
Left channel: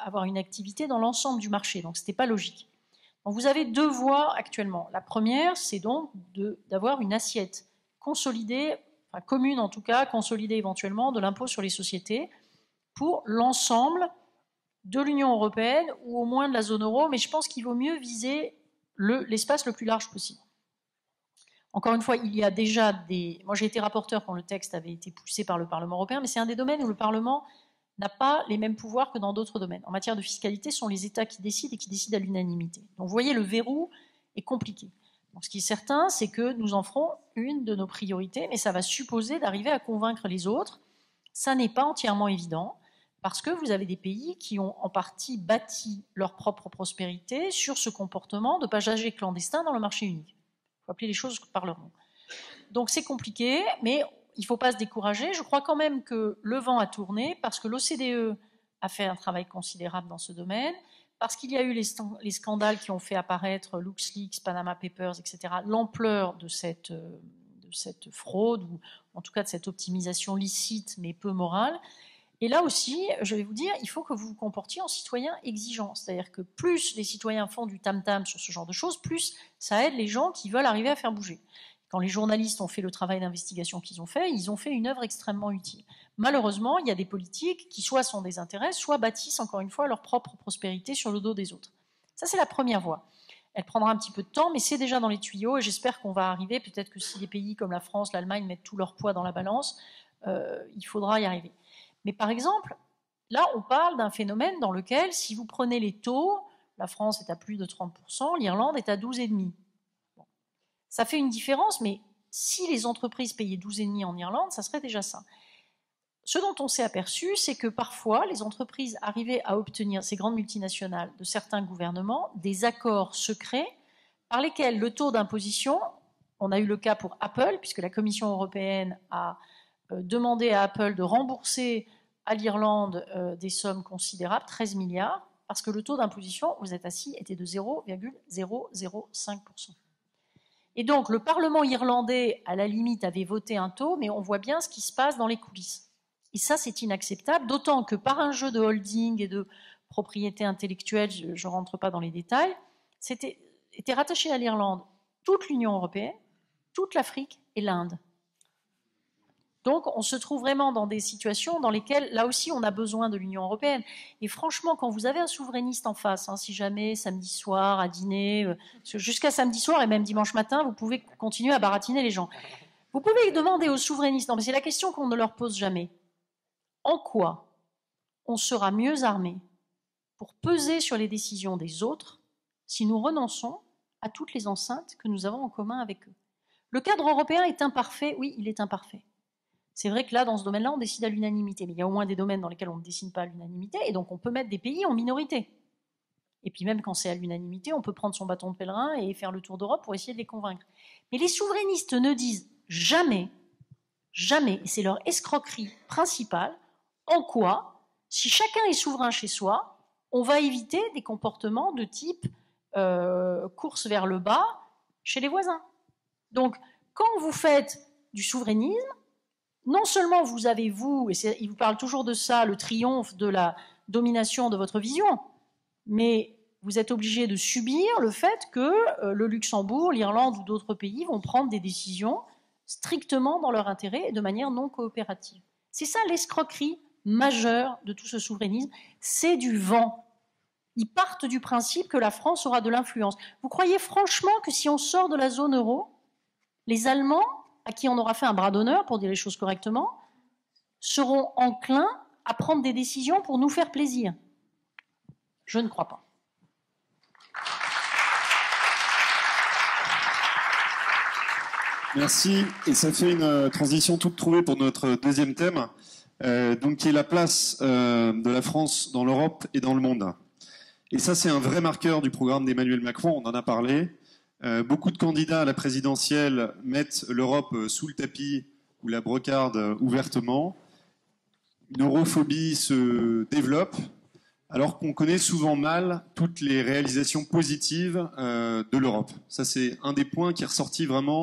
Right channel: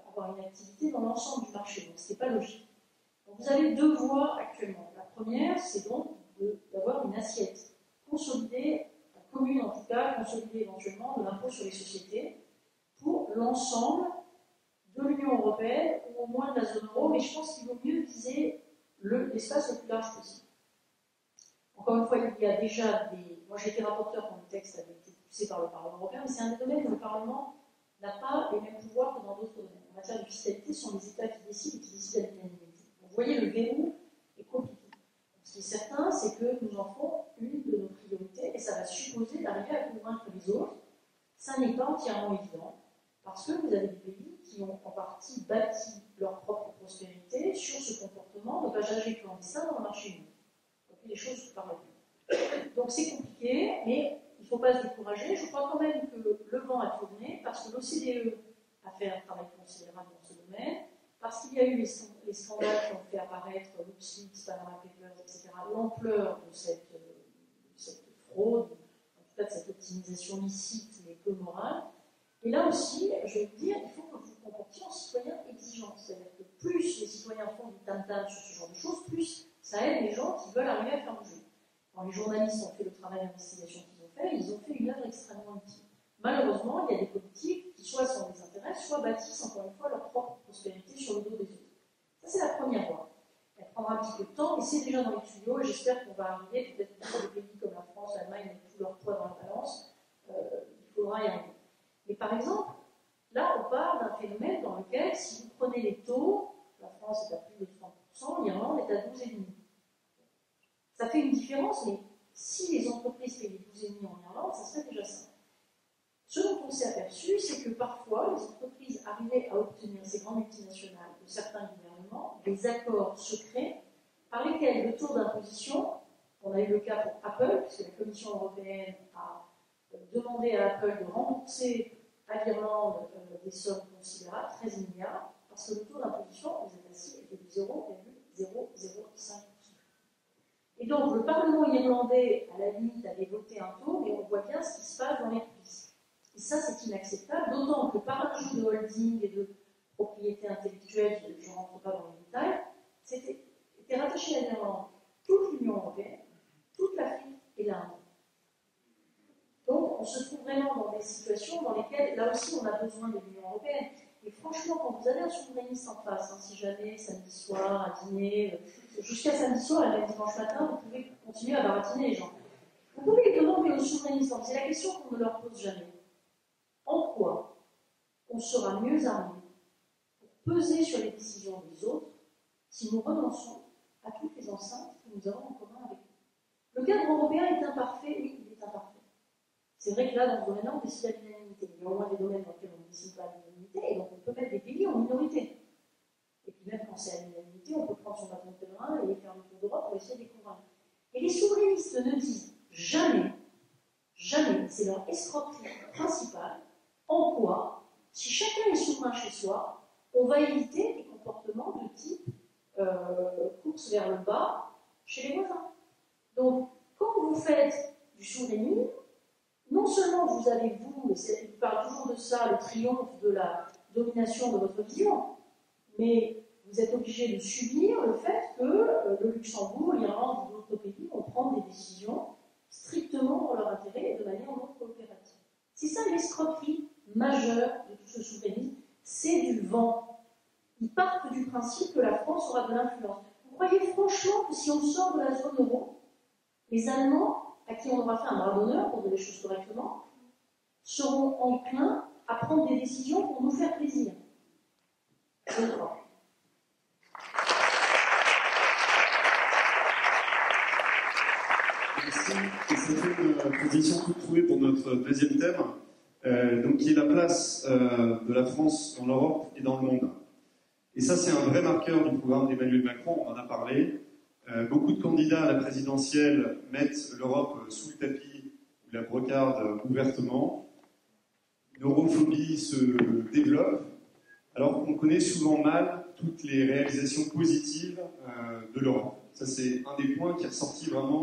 avoir une activité dans l'ensemble du marché, donc ce n'était pas logique. Donc vous avez deux voies actuellement. La première, c'est donc d'avoir une assiette consolidée, enfin commune en tout cas, consolidée éventuellement, de l'impôt sur les sociétés pour l'ensemble de l'Union européenne ou au moins de la zone euro, mais je pense qu'il vaut mieux viser l'espace le plus large possible. Encore une fois, il y a déjà des... Moi j'ai été rapporteur quand le texte avait été poussé par le Parlement européen, mais c'est un des domaines où le Parlement n'a pas les mêmes pouvoirs que dans d'autres domaines. En matière de fiscalité, ce sont les États qui décident et qui décident à l'unanimité. Donc vous voyez, le verrou est compliqué. Donc, ce qui est certain, c'est que nous en ferons une de nos priorités, mais ça va supposer d'arriver à convaincre les autres. Ça n'est pas entièrement évident, parce que vous avez des pays qui ont en partie bâti leur propre prospérité sur ce comportement de passagers clandestins dans le marché unique. Il faut appeler les choses par leur nom. Donc c'est compliqué, mais il ne faut pas se décourager. Je crois quand même que le vent a tourné, parce que l'OCDE a fait un travail considérable dans ce domaine, parce qu'il y a eu les scandales qui ont fait apparaître LuxLeaks, Panama Papers, etc., l'ampleur de cette fraude, ou en tout cas de cette optimisation licite mais peu morale. Et là aussi, je vais vous dire, il faut que vous vous comportiez en citoyen exigeant. C'est-à-dire que plus les citoyens font du tam-tam sur ce genre de choses, plus ça aide les gens qui veulent arriver à faire bouger. Quand les journalistes ont fait le travail d'investigation qu'ils ont fait, ils ont fait une œuvre extrêmement utile. Malheureusement, il y a des politiques qui soit sont des intérêts, soit bâtissent encore une fois leur propre prospérité sur le dos des autres. Ça, c'est la première voie. Elle prendra un petit peu de temps, mais c'est déjà dans les tuyaux, et j'espère qu'on va arriver. Peut-être que si des pays comme la France, l'Allemagne mettent tout leur poids dans la balance, il faudra y arriver. Mais par exemple, là, on parle d'un phénomène dans lequel, si vous prenez les taux, la France est à plus de 30%, l'Irlande est à 12,5%. Bon. Ça fait une différence, mais si les entreprises payaient 12,5% en Irlande, ça serait déjà ça. Ce dont on s'est aperçu, c'est que parfois, les entreprises arrivaient à obtenir, ces grandes multinationales, de certains gouvernements, des accords secrets par lesquels le taux d'imposition, on a eu le cas pour Apple, puisque la Commission européenne a demandé à Apple de rembourser à l'Irlande des sommes considérables, 13 milliards, parce que le taux d'imposition, vous êtes assis, était de 0,005%. Et donc, le Parlement irlandais, à la limite, avait voté un taux, mais on voit bien ce qui se passe dans les coulisses. Et ça, c'est inacceptable, d'autant que par un jeu de holding et de propriété intellectuelle, je ne rentre pas dans les détails, était rattaché à l'Irlande toute l'Union européenne, toute l'Afrique et l'Inde. Donc, on se trouve vraiment dans des situations dans lesquelles, là aussi, on a besoin de l'Union européenne. Et franchement, quand vous avez un souverainiste en face, hein, si jamais, samedi soir, à dîner, jusqu'à samedi soir et même dimanche matin, vous pouvez continuer à baratiner les gens. Vous pouvez demander aux souverainistes, non, mais c'est la question qu'on ne leur pose jamais. En quoi on sera mieux armé pour peser sur les décisions des autres si nous renonçons à toutes les enceintes que nous avons en commun avec eux? Le cadre européen est imparfait, oui, il est imparfait. C'est vrai que là, dans ce domaine-là, on décide à l'unanimité, mais il y a au moins des domaines dans lesquels on ne décide pas à l'unanimité, et donc on peut mettre des pays en minorité. Et puis même quand c'est à l'unanimité, on peut prendre son bâton de pèlerin et faire le tour d'Europe pour essayer de les convaincre. Mais les souverainistes ne disent jamais, jamais, et c'est leur escroquerie principale, en quoi, si chacun est souverain chez soi, on va éviter des comportements de type course vers le bas chez les voisins. Donc, quand vous faites du souverainisme, non seulement vous avez, et il vous parle toujours de ça, le triomphe de la domination de votre vision, mais vous êtes obligé de subir le fait que le Luxembourg, l'Irlande ou d'autres pays vont prendre des décisions strictement dans leur intérêt et de manière non coopérative. C'est ça l'escroquerie majeure de tout ce souverainisme, c'est du vent. Ils partent du principe que la France aura de l'influence. Vous croyez franchement que si on sort de la zone euro, les Allemands, à qui on aura fait un bras d'honneur, pour dire les choses correctement, seront enclins à prendre des décisions pour nous faire plaisir? Je ne crois pas. Merci, et ça fait une transition toute trouvée pour notre deuxième thème, donc qui est la place de la France dans l'Europe et dans le monde. Et ça, c'est un vrai marqueur du programme d'Emmanuel Macron, on en a parlé. Beaucoup de candidats à la présidentielle mettent l'Europe sous le tapis ou la brocarde ouvertement. Une europhobie se développe, alors qu'on connaît souvent mal toutes les réalisations positives de l'Europe. Ça, c'est un des points qui est ressorti vraiment.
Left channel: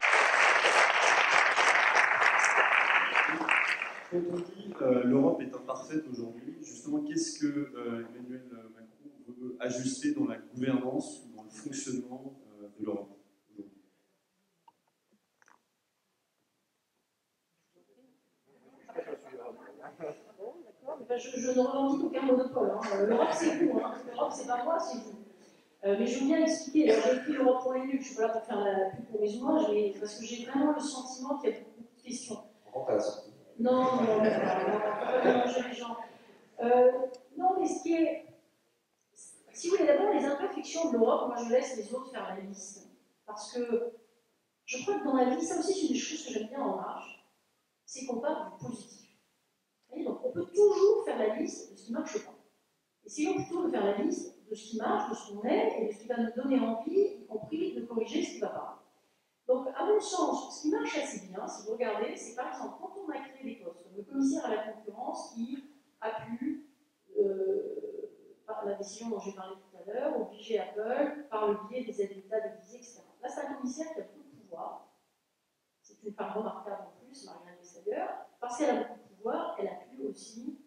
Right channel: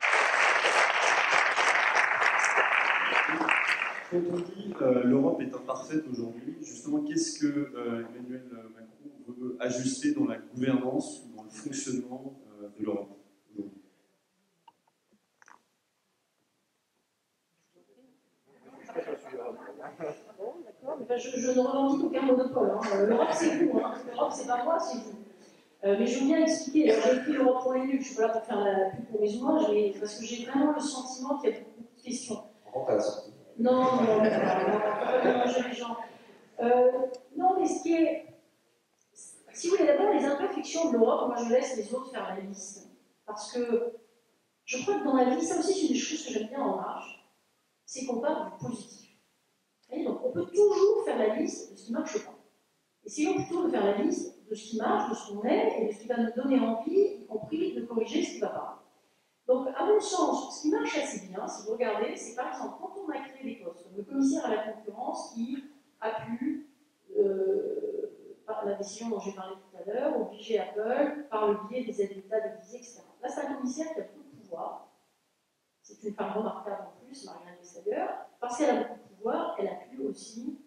Quand on dit l'Europe est imparfaite aujourd'hui, justement, qu'est-ce que Emmanuel Macron veut ajuster dans la gouvernance ou dans le fonctionnement de l'Europe aujourd'hui? Je ne revendique aucun monopole. Hein. L'Europe, c'est vous. Hein. L'Europe, c'est pas moi, c'est vous. Mais je veux bien expliquer. J'ai écrit l'Europe pour les nuls. Je ne suis pas là pour faire la pub pour mes ouvrages, parce que j'ai vraiment le sentiment qu'il y a beaucoup de questions. Non, mélanger les gens. Non, mais ce qui est. Si vous voulez, d'abord, les imperfections de l'Europe, moi je laisse les autres faire la liste. Parce que je crois que dans la vie, ça aussi, c'est une des choses que j'aime bien en marche, c'est qu'on part du positif. Et donc, on peut toujours faire la liste de ce qui ne marche pas. Essayons plutôt de faire la liste de ce qui marche, de ce qu'on aime et de ce qui va nous donner envie, y compris de corriger ce qui ne va pas. Donc, à mon sens, ce qui marche assez bien, si vous regardez, c'est par exemple quand on a créé des postes, comme le commissaire à la concurrence qui a pu, par la décision dont j'ai parlé tout à l'heure, obliger Apple, par le biais des aides d'État déguisées, etc. Là, c'est un commissaire qui a beaucoup de pouvoir. C'est une femme remarquable en plus, Marianne Vestager. Parce qu'elle a beaucoup de pouvoir, elle a pu aussi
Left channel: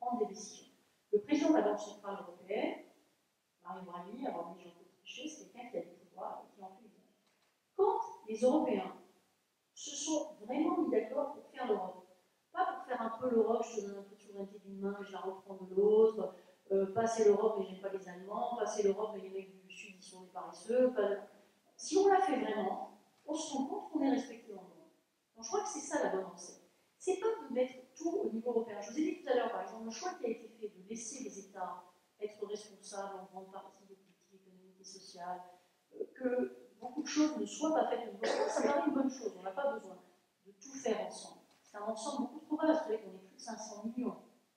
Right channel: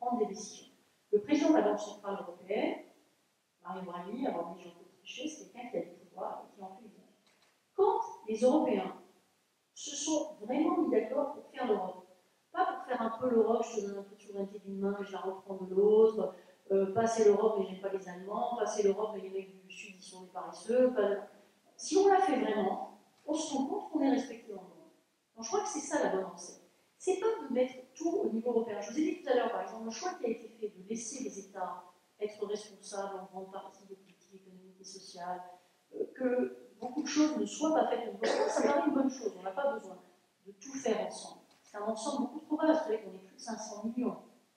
prendre des décisions. Le président de la Banque centrale européenne, Mario Draghi, avant de Jean-Claude Trichet, c'est quelqu'un qui a du pouvoir et qui en fait usage. Quand les Européens se sont vraiment mis d'accord pour faire l'Europe, pas pour faire un peu l'Europe, je te donne un peu de souveraineté d'une main et je la reprends de l'autre, passer l'Europe et j'aime pas les Allemands, passer l'Europe et les mecs du Sud ils sont des paresseux. Si on l'a fait vraiment, on se rend compte qu'on est respecté dans le monde. Donc je crois que c'est ça la bonne recette. C'est pas de mettre tout au niveau européen. Je vous ai dit tout à l'heure, par exemple, le choix qui a été fait de laisser les États être responsables en grande partie des politiques économiques et sociales, que beaucoup de choses ne soient pas faites au niveau européen, ça paraît une bonne chose. On n'a pas besoin de tout faire ensemble. C'est un ensemble beaucoup trop vaste. Vous savez qu'on est plus de 500 millions.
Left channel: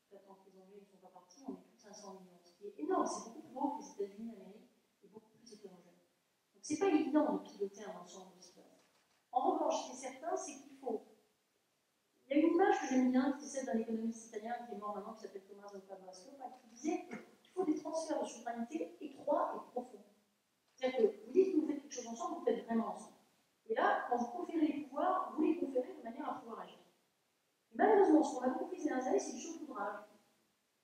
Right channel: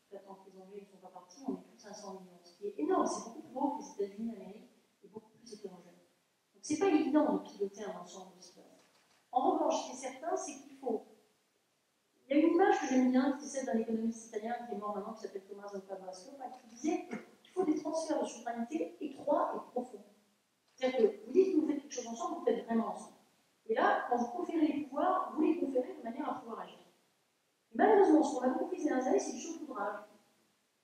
Tant que les Anglais ne sont pas partis, on est plus de 500 millions. Ce qui est énorme, c'est beaucoup plus gros que les États-Unis d'Amérique et beaucoup plus hétérogène. Donc c'est pas évident de piloter un ensemble de cela. En revanche, ce qui est certain, c'est qu'il faut. Il y a une image que j'aime bien, qui est celle d'un économiste italien qui est mort maintenant, qui s'appelle Tommaso Padoa, qui disait qu'il faut des transferts de souveraineté étroits et profonds. C'est-à-dire que vous dites que vous faites quelque chose ensemble, vous faites vraiment ensemble. Et là, quand vous conférez les pouvoirs, vous les conférez de manière à pouvoir agir. Et malheureusement, ce qu'on a beaucoup fait ces dernières années, c'est du saupoudrage.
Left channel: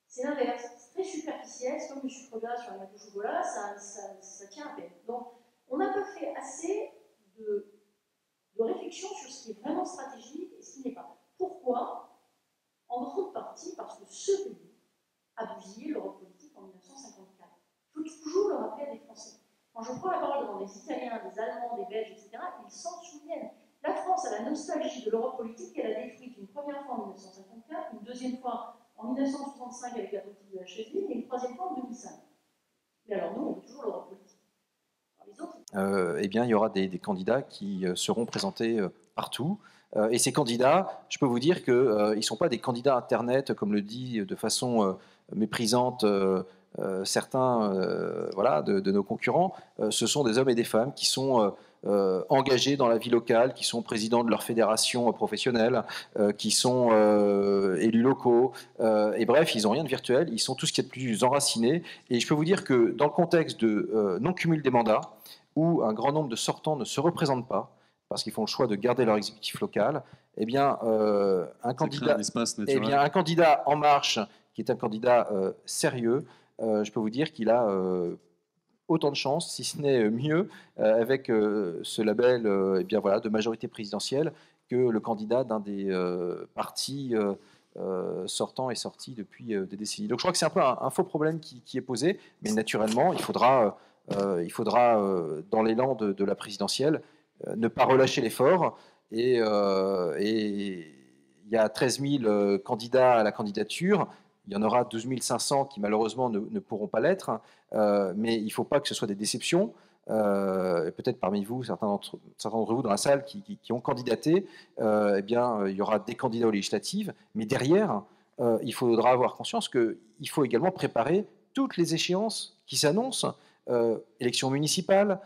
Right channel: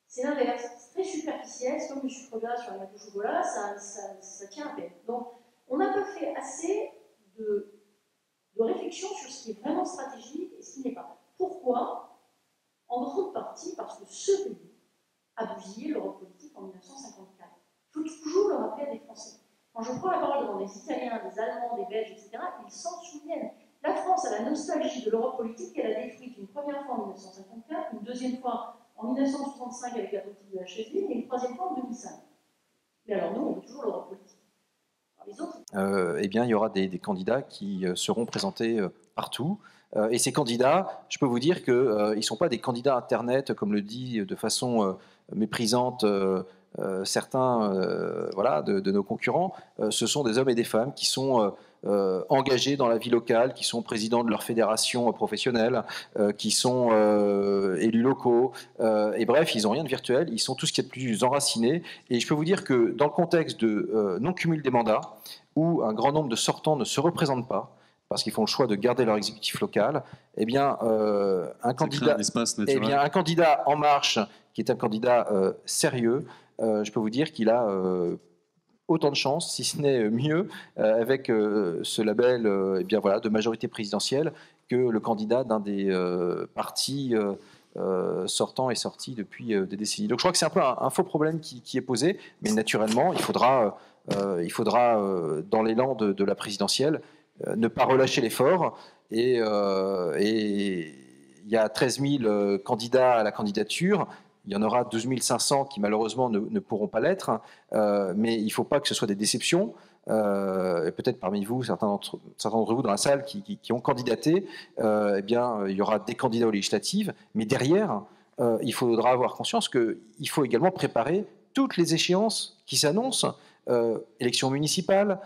C'est l'inverse. C'est très superficiel, c'est comme le sucre gras sur la gâteau au chocolat, ça tient à peine. Donc, on n'a pas fait assez de réflexion sur ce qui est vraiment stratégique et ce qui n'est pas. Pourquoi? En grande partie parce que ce pays a bousillé l'Europe politique en 1954. Il faut toujours le rappeler à des Français. Quand je prends la parole devant des Italiens, des Allemands, des Belges, etc., ils s'en souviennent. La France a la nostalgie de l'Europe politique qu'elle a détruite une première fois en 1954, une deuxième fois en 1965 avec la politique de la chaise vide et une troisième fois en 2005. Mais alors nous, on veut toujours l'Europe politique. Alors, les autres... eh bien, il y aura des candidats qui seront présentés partout. Et ces candidats, je peux vous dire qu'ils ne sont pas des candidats Internet, comme le dit de façon méprisante certains voilà, de nos concurrents, ce sont des hommes et des femmes qui sont engagés dans la vie locale, qui sont présidents de leur fédération professionnelle, qui sont élus locaux, et bref, ils n'ont rien de virtuel, ils sont tout ce qui est de plus enracinés. Et je peux vous dire que dans le contexte de non-cumul des mandats, où un grand nombre de sortants ne se représentent pas, parce qu'ils font le choix de garder leur exécutif local, eh bien, un candidat En Marche, qui est un candidat sérieux, je peux vous dire qu'il a autant de chances, si ce n'est mieux, avec ce label eh bien, voilà, de majorité présidentielle, que le candidat d'un des partis sortants et sortis depuis des décennies. Donc je crois que c'est un peu un faux problème qui est posé, mais naturellement, il faudra dans l'élan de la présidentielle, ne pas relâcher l'effort. Et il y a 13 000 candidats à la candidature. Il y en aura 12 500 qui malheureusement ne pourront pas l'être. Mais il ne faut pas que ce soit des déceptions. Et peut-être parmi vous, certains d'entre vous dans la salle qui ont candidaté, eh bien, il y aura des candidats aux législatives. Mais derrière, il faudra avoir conscience qu'il faut également préparer toutes les échéances qui s'annoncent. Élections municipales,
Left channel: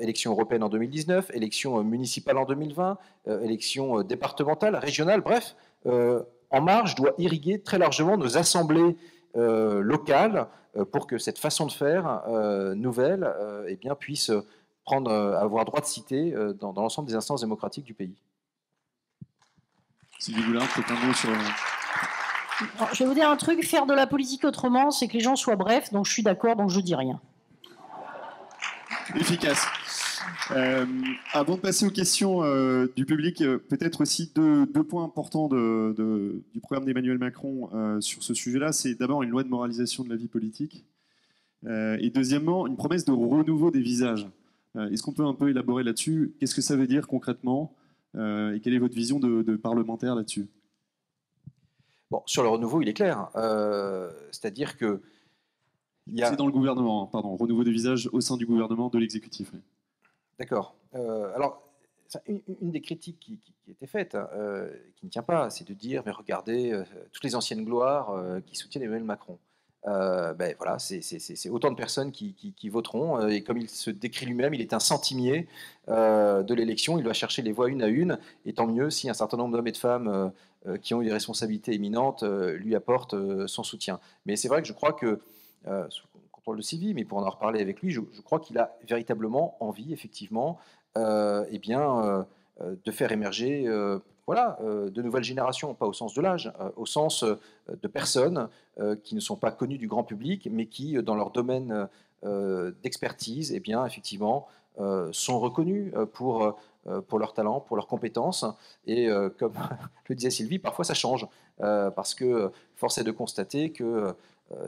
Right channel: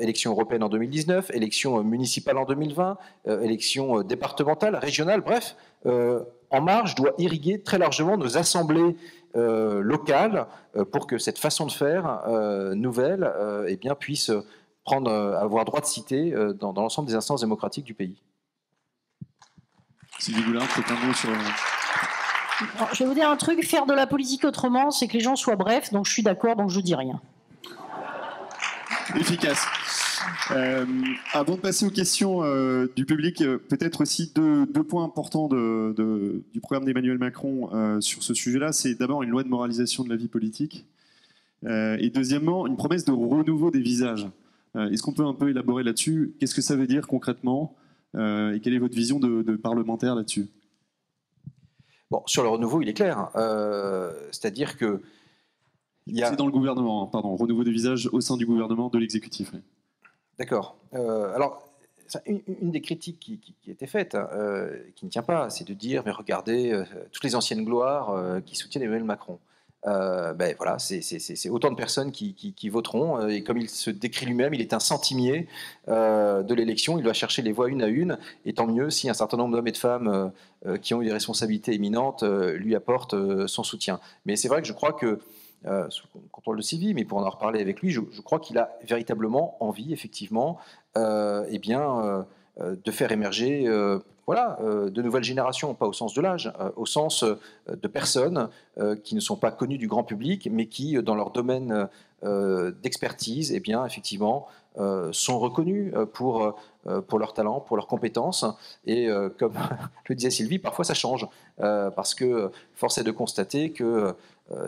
élections européennes en 2019, élections municipales en 2020, élections départementales, régionales, bref, En Marche doit irriguer très largement nos assemblées locales pour que cette façon de faire nouvelle eh bien, puisse avoir droit de cité dans l'ensemble des instances démocratiques du pays. Sylvie Goulard, peut-être un mot sur... Alors, je vais vous dire un truc, faire de la politique autrement, c'est que les gens soient brefs, donc je suis d'accord, donc je dis rien. Efficace. Avant de passer aux questions du public, peut-être aussi deux points importants du programme d'Emmanuel Macron sur ce sujet-là. C'est d'abord une loi de moralisation de la vie politique et deuxièmement, une promesse de renouveau des visages. Est-ce qu'on peut un peu élaborer là-dessus? Qu'est-ce que ça veut dire concrètement et quelle est votre vision de parlementaire là-dessus? Bon, sur le renouveau, il est clair. C'est-à-dire que... C'est dans le gouvernement, pardon, renouveau des visages au sein du gouvernement, de l'exécutif. Oui. D'accord. Alors, une des critiques qui a été faite, qui ne tient pas, c'est de dire, mais regardez, toutes les anciennes gloires qui soutiennent Emmanuel Macron. Ben voilà, c'est autant de personnes qui voteront, et comme il se décrit lui-même, il est un centimier de l'élection, il doit chercher les voix une à une, et tant mieux si un certain nombre d'hommes et de femmes qui ont eu des responsabilités éminentes lui apportent son soutien. Mais c'est vrai que je crois que sous contrôle de Sylvie, mais pour en reparler avec lui, je crois qu'il a véritablement envie, effectivement, eh bien, de faire émerger de nouvelles générations, pas au sens de l'âge, au sens de personnes qui ne sont pas connues du grand public, mais qui, dans leur domaine d'expertise, eh bien, effectivement, sont reconnus pour leur talent, pour leurs compétences. Et comme le disait Sylvie, parfois ça change, parce que force est de constater que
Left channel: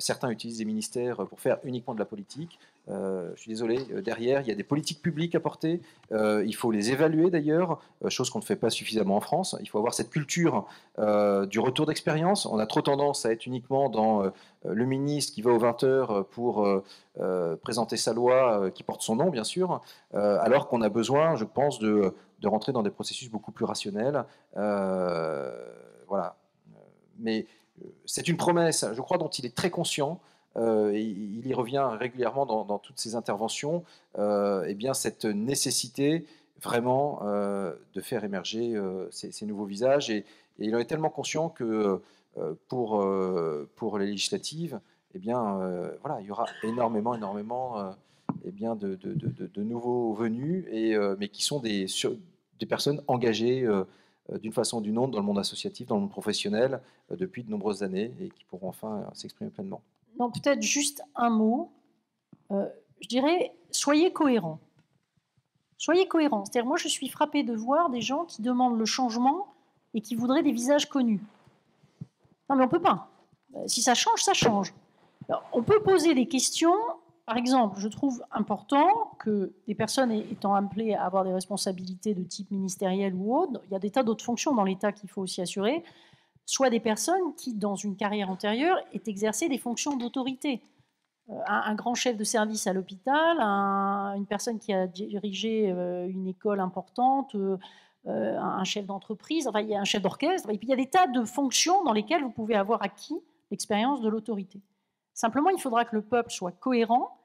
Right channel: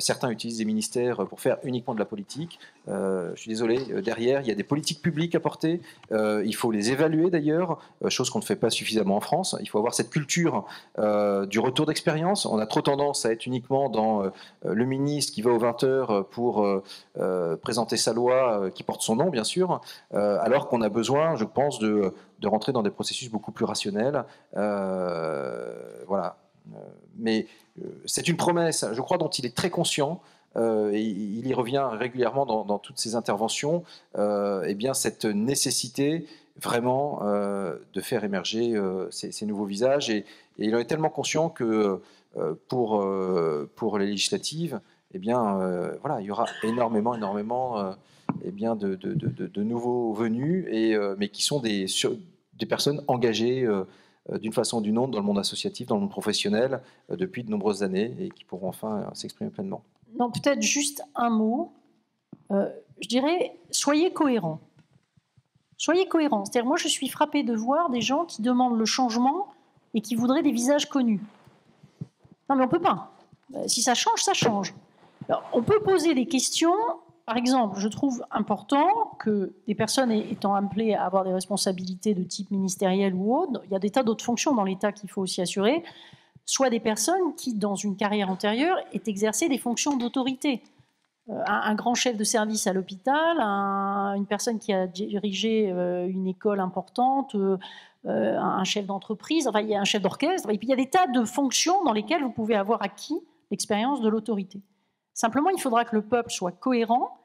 certains utilisent des ministères pour faire uniquement de la politique. Je suis désolé, derrière, il y a des politiques publiques à porter. Il faut les évaluer d'ailleurs, chose qu'on ne fait pas suffisamment en France. Il faut avoir cette culture du retour d'expérience. On a trop tendance à être uniquement dans le ministre qui va aux 20h pour présenter sa loi qui porte son nom, bien sûr, alors qu'on a besoin, je pense, de rentrer dans des processus beaucoup plus rationnels. Voilà. Mais c'est une promesse, je crois, dont il est très conscient. Il y revient régulièrement dans toutes ses interventions. Eh bien, cette nécessité vraiment de faire émerger ces nouveaux visages. Et il en est tellement conscient que pour les législatives, eh bien, voilà, il y aura énormément eh bien, de nouveaux venus, mais qui sont des personnes engagées d'une façon ou d'une autre dans le monde associatif, dans le monde professionnel, depuis de nombreuses années, et qui pourront enfin s'exprimer pleinement. Non, peut-être juste un mot. Je dirais, soyez cohérents. Soyez cohérents. C'est-à-dire, moi, je suis frappée de voir des gens qui demandent le changement et qui voudraient des visages connus. Non, mais on ne peut pas. Si ça change, ça change. Alors, on peut poser des questions. Par exemple, je trouve important que des personnes étant appelées à avoir des responsabilités de type ministériel ou autre, il y a des tas d'autres fonctions dans l'État qu'il faut aussi assurer, soit des personnes qui, dans une carrière antérieure, aient exercé des fonctions d'autorité. Un grand chef de service à l'hôpital, une personne qui a dirigé une école importante, un chef d'entreprise, enfin, il y a un chef d'orchestre, et puis il y a des tas de fonctions dans lesquelles vous pouvez avoir acquis l'expérience de l'autorité. Simplement, il faudra que le peuple soit cohérent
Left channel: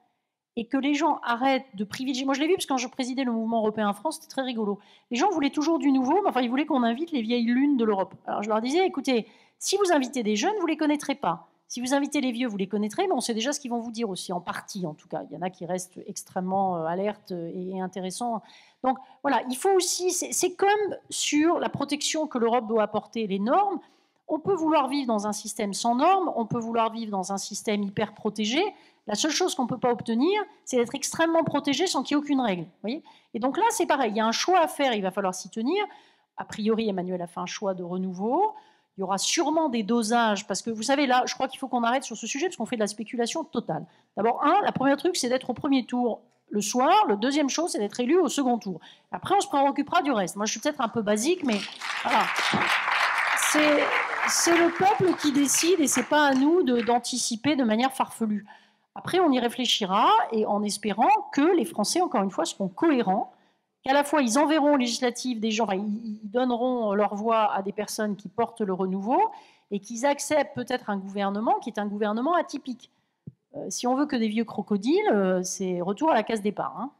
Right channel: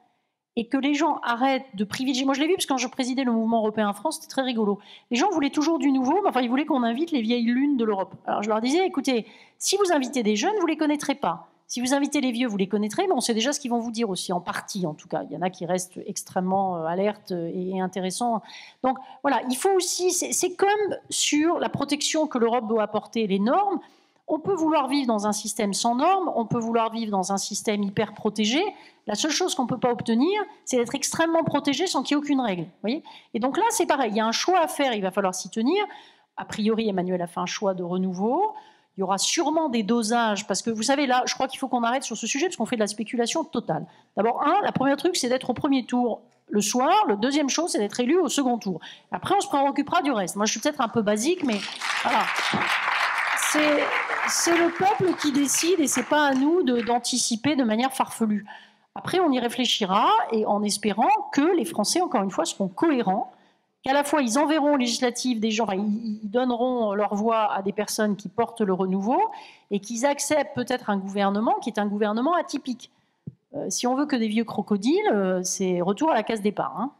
et que les gens arrêtent de privilégier. Moi, je l'ai vu parce que quand je présidais le mouvement européen en France, c'était très rigolo. Les gens voulaient toujours du nouveau, mais enfin, ils voulaient qu'on invite les vieilles lunes de l'Europe. Alors, je leur disais, écoutez, si vous invitez des jeunes, vous ne les connaîtrez pas. Si vous invitez les vieux, vous les connaîtrez, mais on sait déjà ce qu'ils vont vous dire aussi, en partie en tout cas. Il y en a qui restent extrêmement alertes et intéressants. Donc voilà, il faut aussi, c'est comme sur la protection que l'Europe doit apporter, les normes. On peut vouloir vivre dans un système sans normes, on peut vouloir vivre dans un système hyper protégé. La seule chose qu'on ne peut pas obtenir, c'est d'être extrêmement protégé sans qu'il y ait aucune règle. Vous voyez ? Et donc là, c'est pareil, il y a un choix à faire, il va falloir s'y tenir. A priori, Emmanuel a fait un choix de renouveau. Il y aura sûrement des dosages, parce que vous savez, là, je crois qu'il faut qu'on arrête sur ce sujet, parce qu'on fait de la spéculation totale. D'abord, la première truc, c'est d'être au premier tour le soir. La deuxième chose, c'est d'être élu au second tour. Après, on se préoccupera du reste. Moi, je suis peut-être un peu basique, mais voilà. C'est le peuple qui décide, et c'est pas à nous d'anticiper de manière farfelue. Après, on y réfléchira, et en espérant que les Français, encore une fois, seront cohérents, qu'à la fois ils enverront aux législatives des gens, enfin, ils donneront leur voix à des personnes qui portent le renouveau, et qu'ils acceptent peut-être un gouvernement qui est un gouvernement atypique. Si on veut que des vieux crocodiles, c'est retour à la case départ. Hein.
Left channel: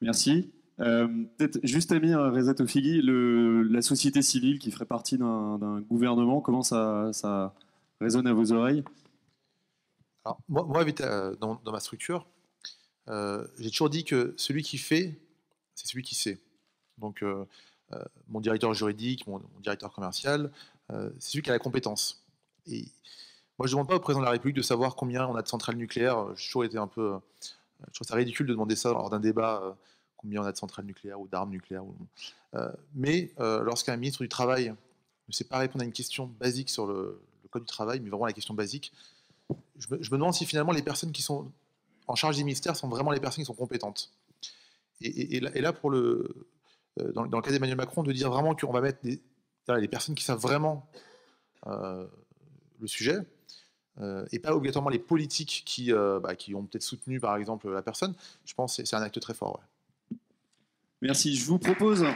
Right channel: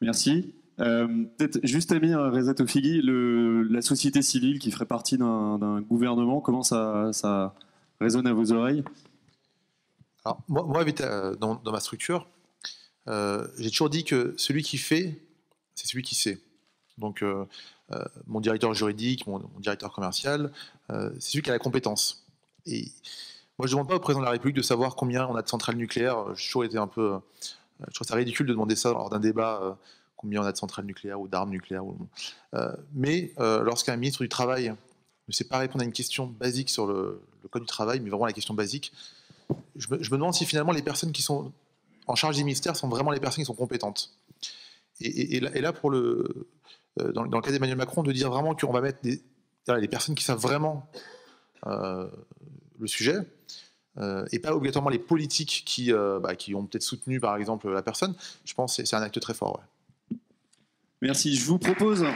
Merci. Peut-être juste Amir Reza Toufigui, la société civile qui ferait partie d'un gouvernement, comment ça résonne à vos oreilles? Alors, moi dans ma structure, j'ai toujours dit que celui qui fait, c'est celui qui sait. Donc, mon directeur juridique, mon directeur commercial, c'est celui qui a la compétence. Et moi, je ne demande pas au président de la République de savoir combien on a de centrales nucléaires. J'ai toujours été un peu... je trouve ça ridicule de demander ça lors d'un débat, combien on a de centrales nucléaires ou d'armes nucléaires. Mais lorsqu'un ministre du Travail ne sait pas répondre à une question basique sur le code du travail, mais vraiment la question basique, je me demande si finalement les personnes qui sont en charge des ministères sont vraiment les personnes qui sont compétentes. Et là, dans le cas d'Emmanuel Macron, de dire vraiment qu'on va mettre les personnes qui savent vraiment le sujet, et pas obligatoirement les politiques qui ont peut-être soutenu, par exemple, la personne, je pense que c'est un acte très fort. Ouais. Merci. Je vous propose